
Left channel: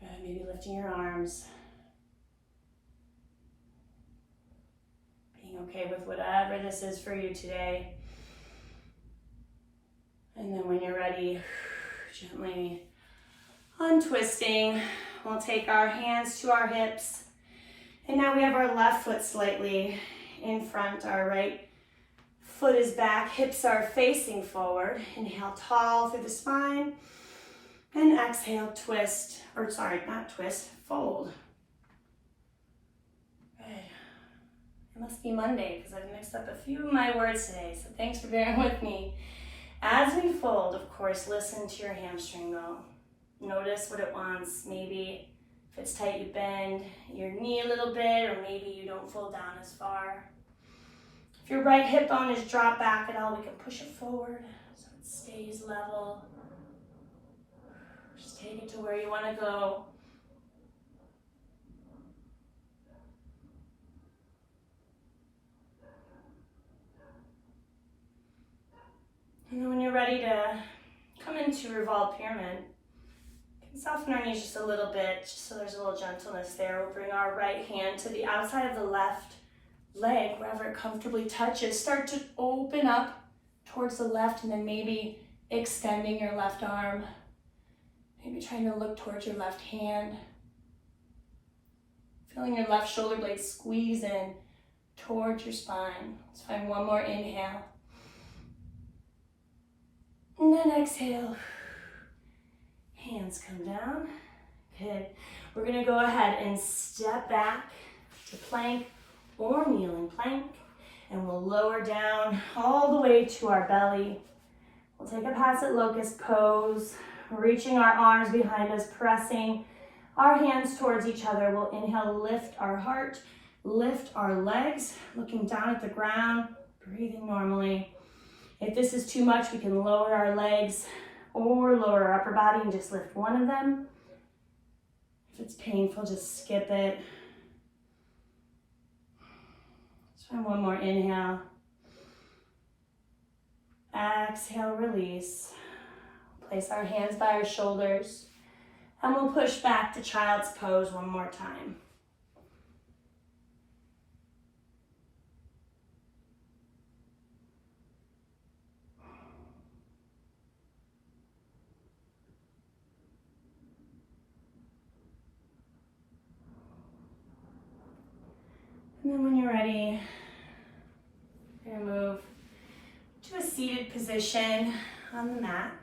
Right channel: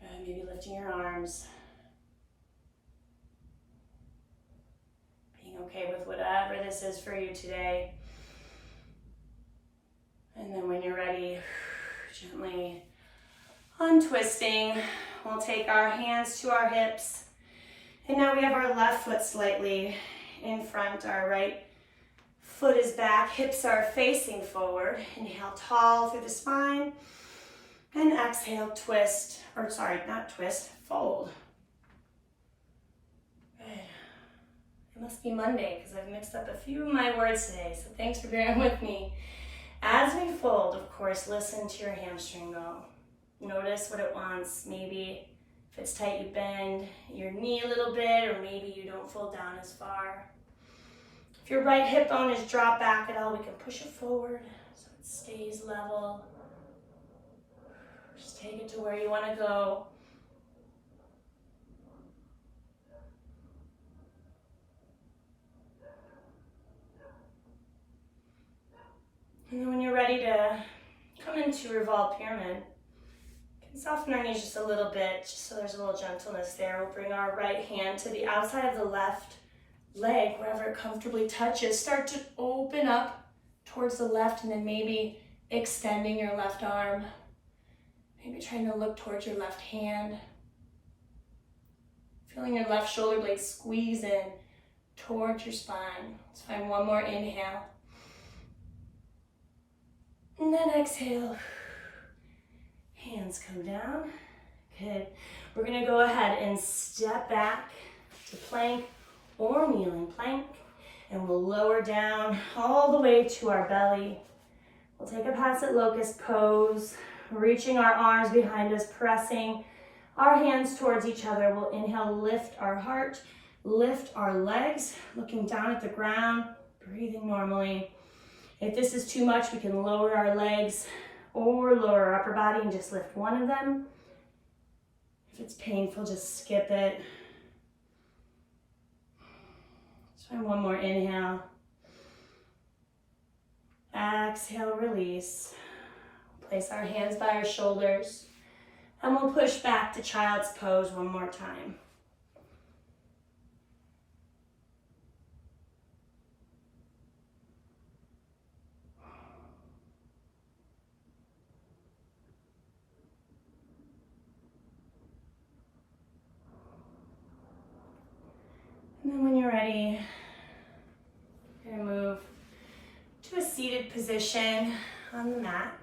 And maybe lifting your arms. Being okay with whatever this is for you today. And then when you're ready, gently untwisting. We'll take our hands to our hips. And now we have our left foot slightly in front. Our right foot is back. Hips are facing forward. Inhale tall through the spine. And exhale, twist. Or sorry, not twist, fold. Good. It must be Monday because I've mixed up a few of my words today. So thanks for bearing with me. As we fold, of course, listen to your hamstring though. Notice what it wants. Maybe if it's tight, you bend your knee a little bit, or maybe you don't fold down as far. your right hip bone is dropped back at all, we can push it forward so it stays level. Just take it to where you want to go. And then when you're ready to come into revolved pyramid, you can soften our knees just a little bit, just so there's a little gentleness there. We'll bring our right hand to the outside of the left leg, wherever it comfortably touches. Start to open up towards the left, and then maybe extending your left arm. Maybe trying to look towards your left hand. Feeling your left shoulder blade squeeze in towards your spine. Let's find one more inhale. And then exhale. Hands come down. Good. We're gonna go ahead and step back to plank or kneeling plank. And we'll lower down all the way to our belly. We'll take a Passat Locust pose, reaching our arms behind us, pressing our hands towards each other. We'll inhale, lift our heart, lift our legs, looking down at the ground, breathing normally. If this is too much, we can lower our legs or lower our upper body and just lift one of them. If it's painful, just skip it. Let's try one more inhale. Exhale, release. Place our hands by our shoulders, and we'll push back to child's pose one more time. And then when you're ready, you're gonna move to a seated position on the mat.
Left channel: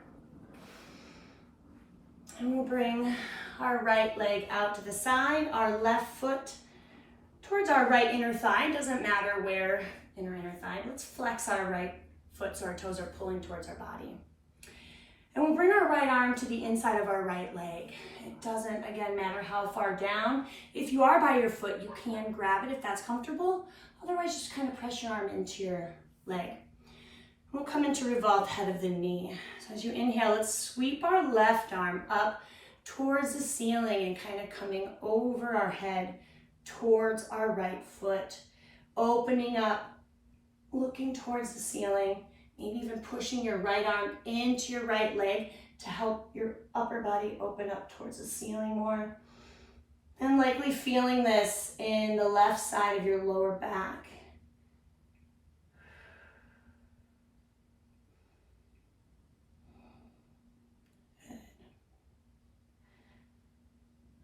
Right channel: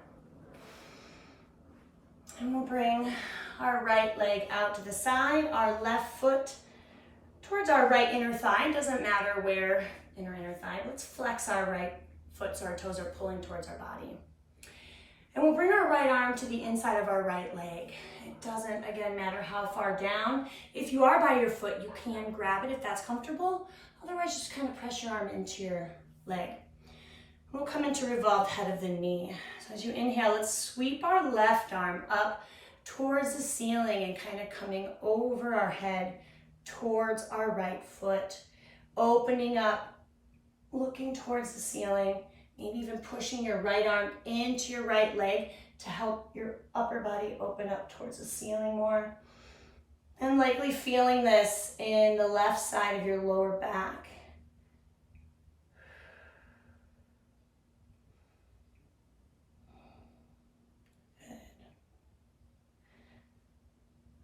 And we'll bring our right leg out to the side, our left foot towards our right inner thigh. Doesn't matter where, inner thigh. Let's flex our right foot so our toes are pulling towards our body. And we'll bring our right arm to the inside of our right leg. It doesn't, again, matter how far down. If you are by your foot, you can grab it if that's comfortable. Otherwise, just kind of press your arm into your leg. We'll come into revolved head of the knee. So as you inhale, let's sweep our left arm up towards the ceiling and kind of coming over our head towards our right foot. Opening up, looking towards the ceiling. Maybe even pushing your right arm into your right leg to help your upper body open up towards the ceiling more. And likely feeling this in the left side of your lower back. Good.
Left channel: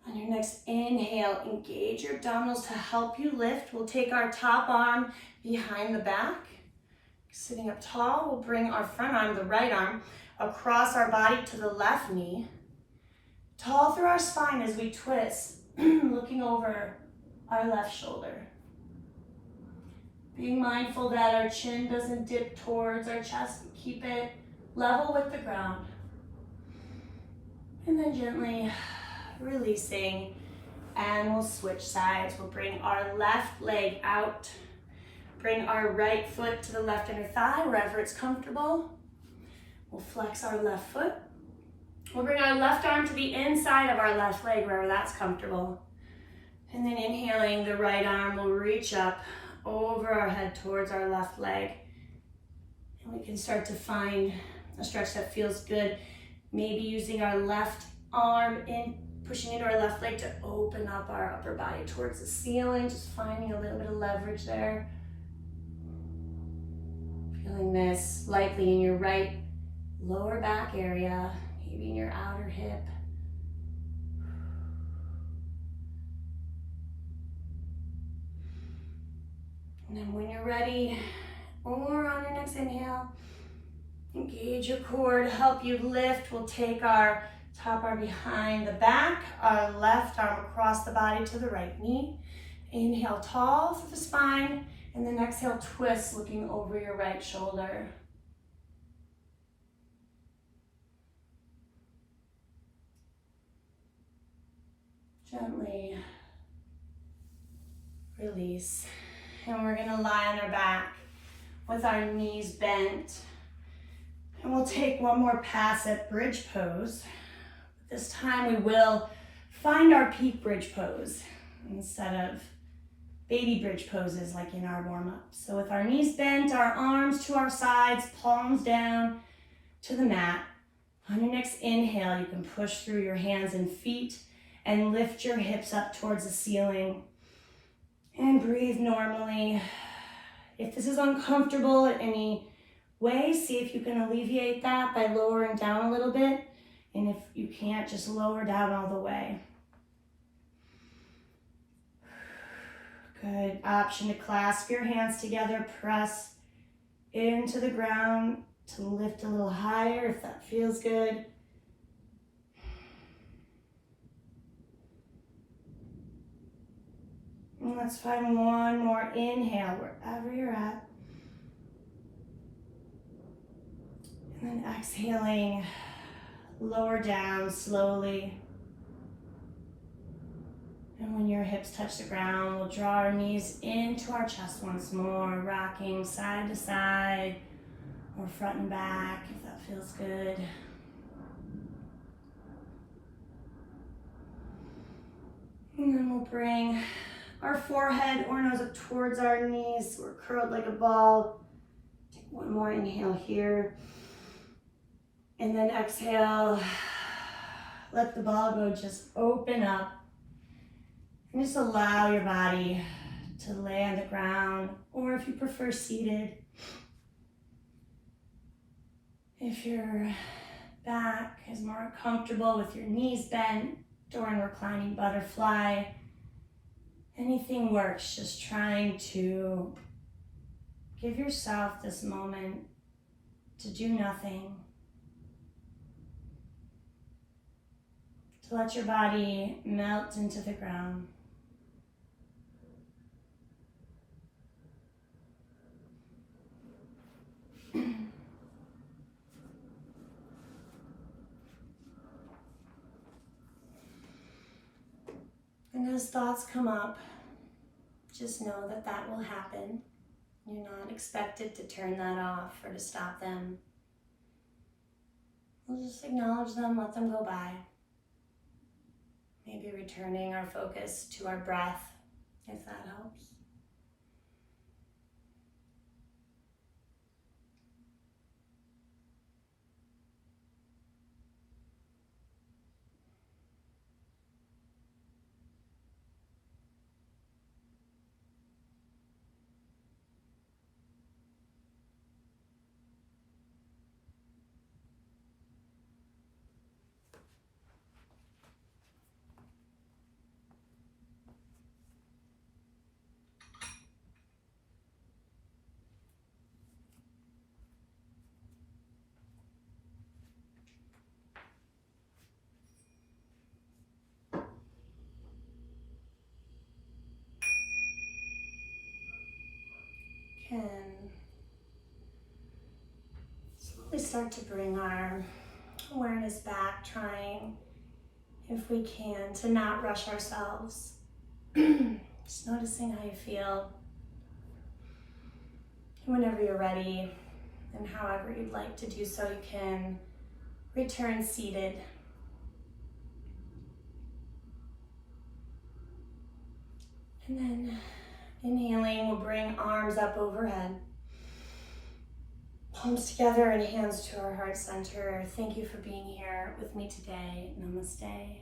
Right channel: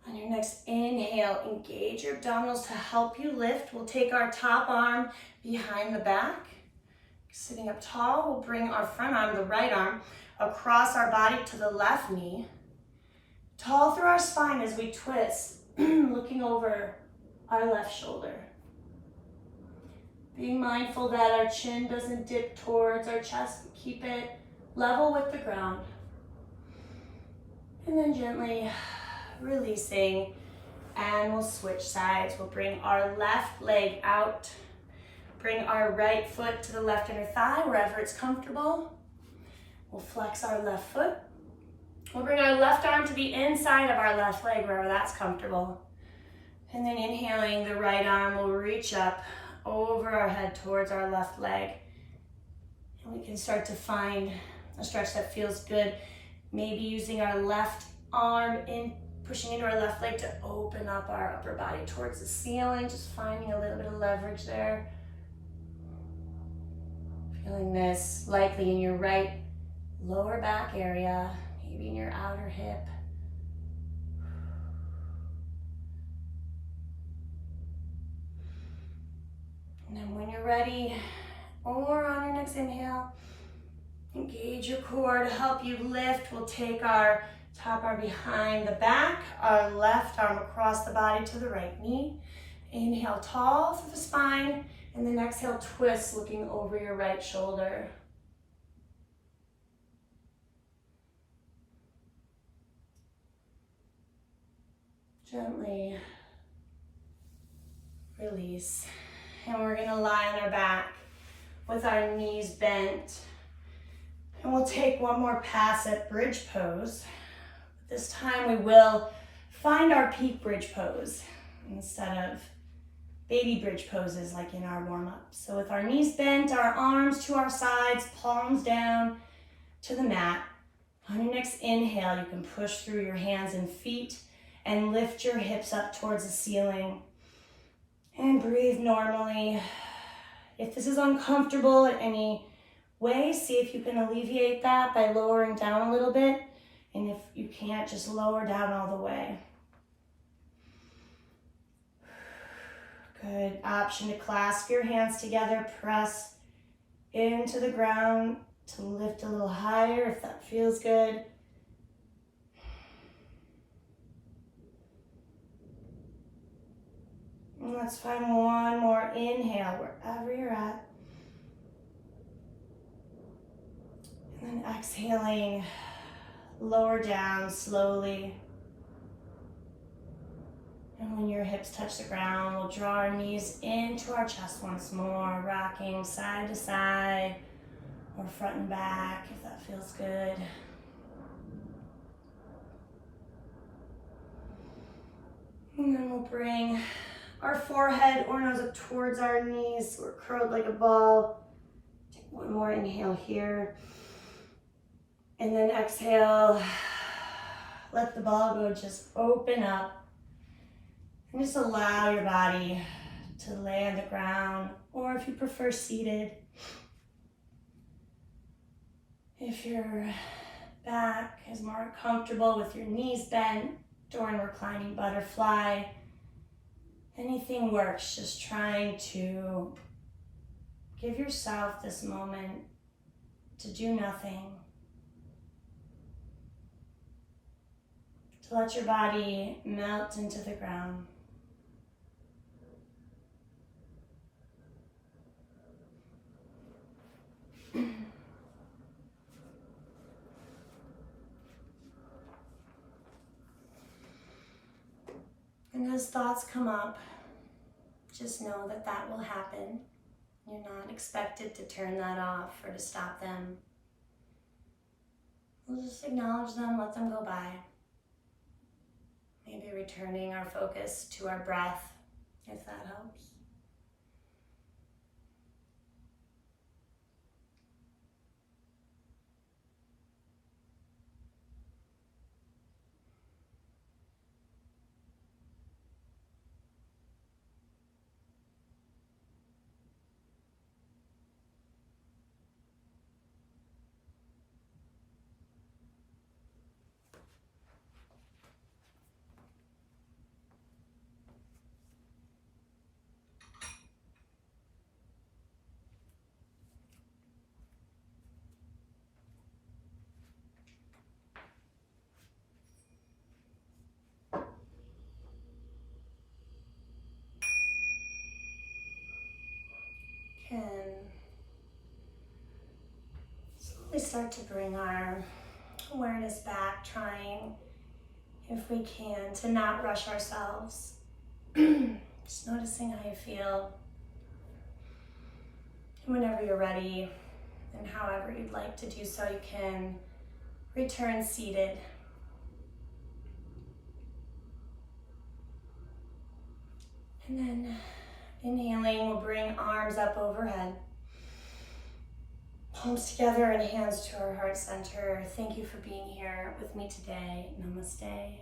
On your next inhale, engage your abdominals to help you lift. We'll take our top arm behind the back. Sitting up tall, we'll bring our front arm, the right arm, across our body to the left knee. Tall through our spine as we twist, looking over our left shoulder. Being mindful that our chin doesn't dip towards our chest. Keep it level with the ground. And then gently releasing, and we'll switch sides. We'll bring our left leg out. Bring our right foot to the left inner thigh, wherever it's comfortable. We'll flex our left foot. We'll bring our left arm to the inside of our left leg, wherever that's comfortable. And then inhaling, the right arm will reach up over our head towards our left leg. And we can start to find a stretch that feels good. Maybe using our left arm in, pushing into our left leg to open up our upper body towards the ceiling, just finding a little bit of leverage there. Feeling this likely in your right lower back area, maybe in your outer hip. And then when you're ready, or on your next inhale, engage your core to help you lift. We'll take our top arm behind the back, our left arm across the body to the right knee. Inhale tall through the spine. And then exhale, twist, looking over your right shoulder. Gently release. And we're gonna lie on our back. with our knees bent. And we'll take one more pass at bridge pose. This time we will find our peak bridge pose instead of baby bridge poses like in our warm-up. So with our knees bent, our arms to our sides, palms down to the mat. On your next inhale, you can push through your hands and feet and lift your hips up towards the ceiling. And breathe normally. If this is uncomfortable in any way, see if you can alleviate that by lowering down a little bit. And if you can't, just lower down all the way. Good. Option to clasp your hands together, press into the ground to lift a little higher if that feels good. And let's find one more inhale wherever you're at. And then exhaling, lower down slowly. And when your hips touch the ground, we'll draw our knees into our chest once more, rocking side to side or front and back if that feels good. And then we'll bring our forehead or nose up towards our knees. We're curled like a ball. Take one more inhale here. And then exhale. Let the ball go, just open up. And just allow your body to lay on the ground, or if you prefer seated. If your back is more comfortable with your knees bent during reclining butterfly, anything works. Just trying to give yourself this moment to do nothing. To let your body melt into the ground. And as thoughts come up, just know that that will happen. You're not expected to turn that off or to stop them. We'll just acknowledge them, let them go by. Maybe returning our focus to our breath, if that helps. Can slowly start to bring our awareness back, trying, if we can, to not rush ourselves. Just noticing how you feel. And whenever you're ready, and however you'd like to do so, you can return seated. And then inhaling, we'll bring arms up overhead. Palms together and hands to our heart center. Thank you for being here with me today. Namaste.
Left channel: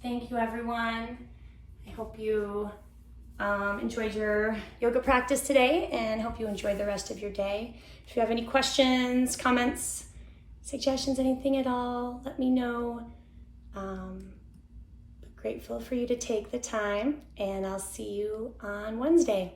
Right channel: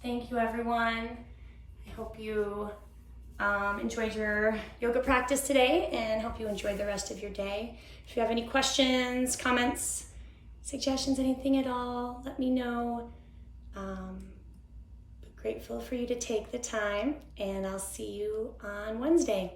Thank you, everyone. I hope you enjoyed your yoga practice today and hope you enjoyed the rest of your day. If you have any questions, comments, suggestions, anything at all, let me know. Grateful for you to take the time, and I'll see you on Wednesday.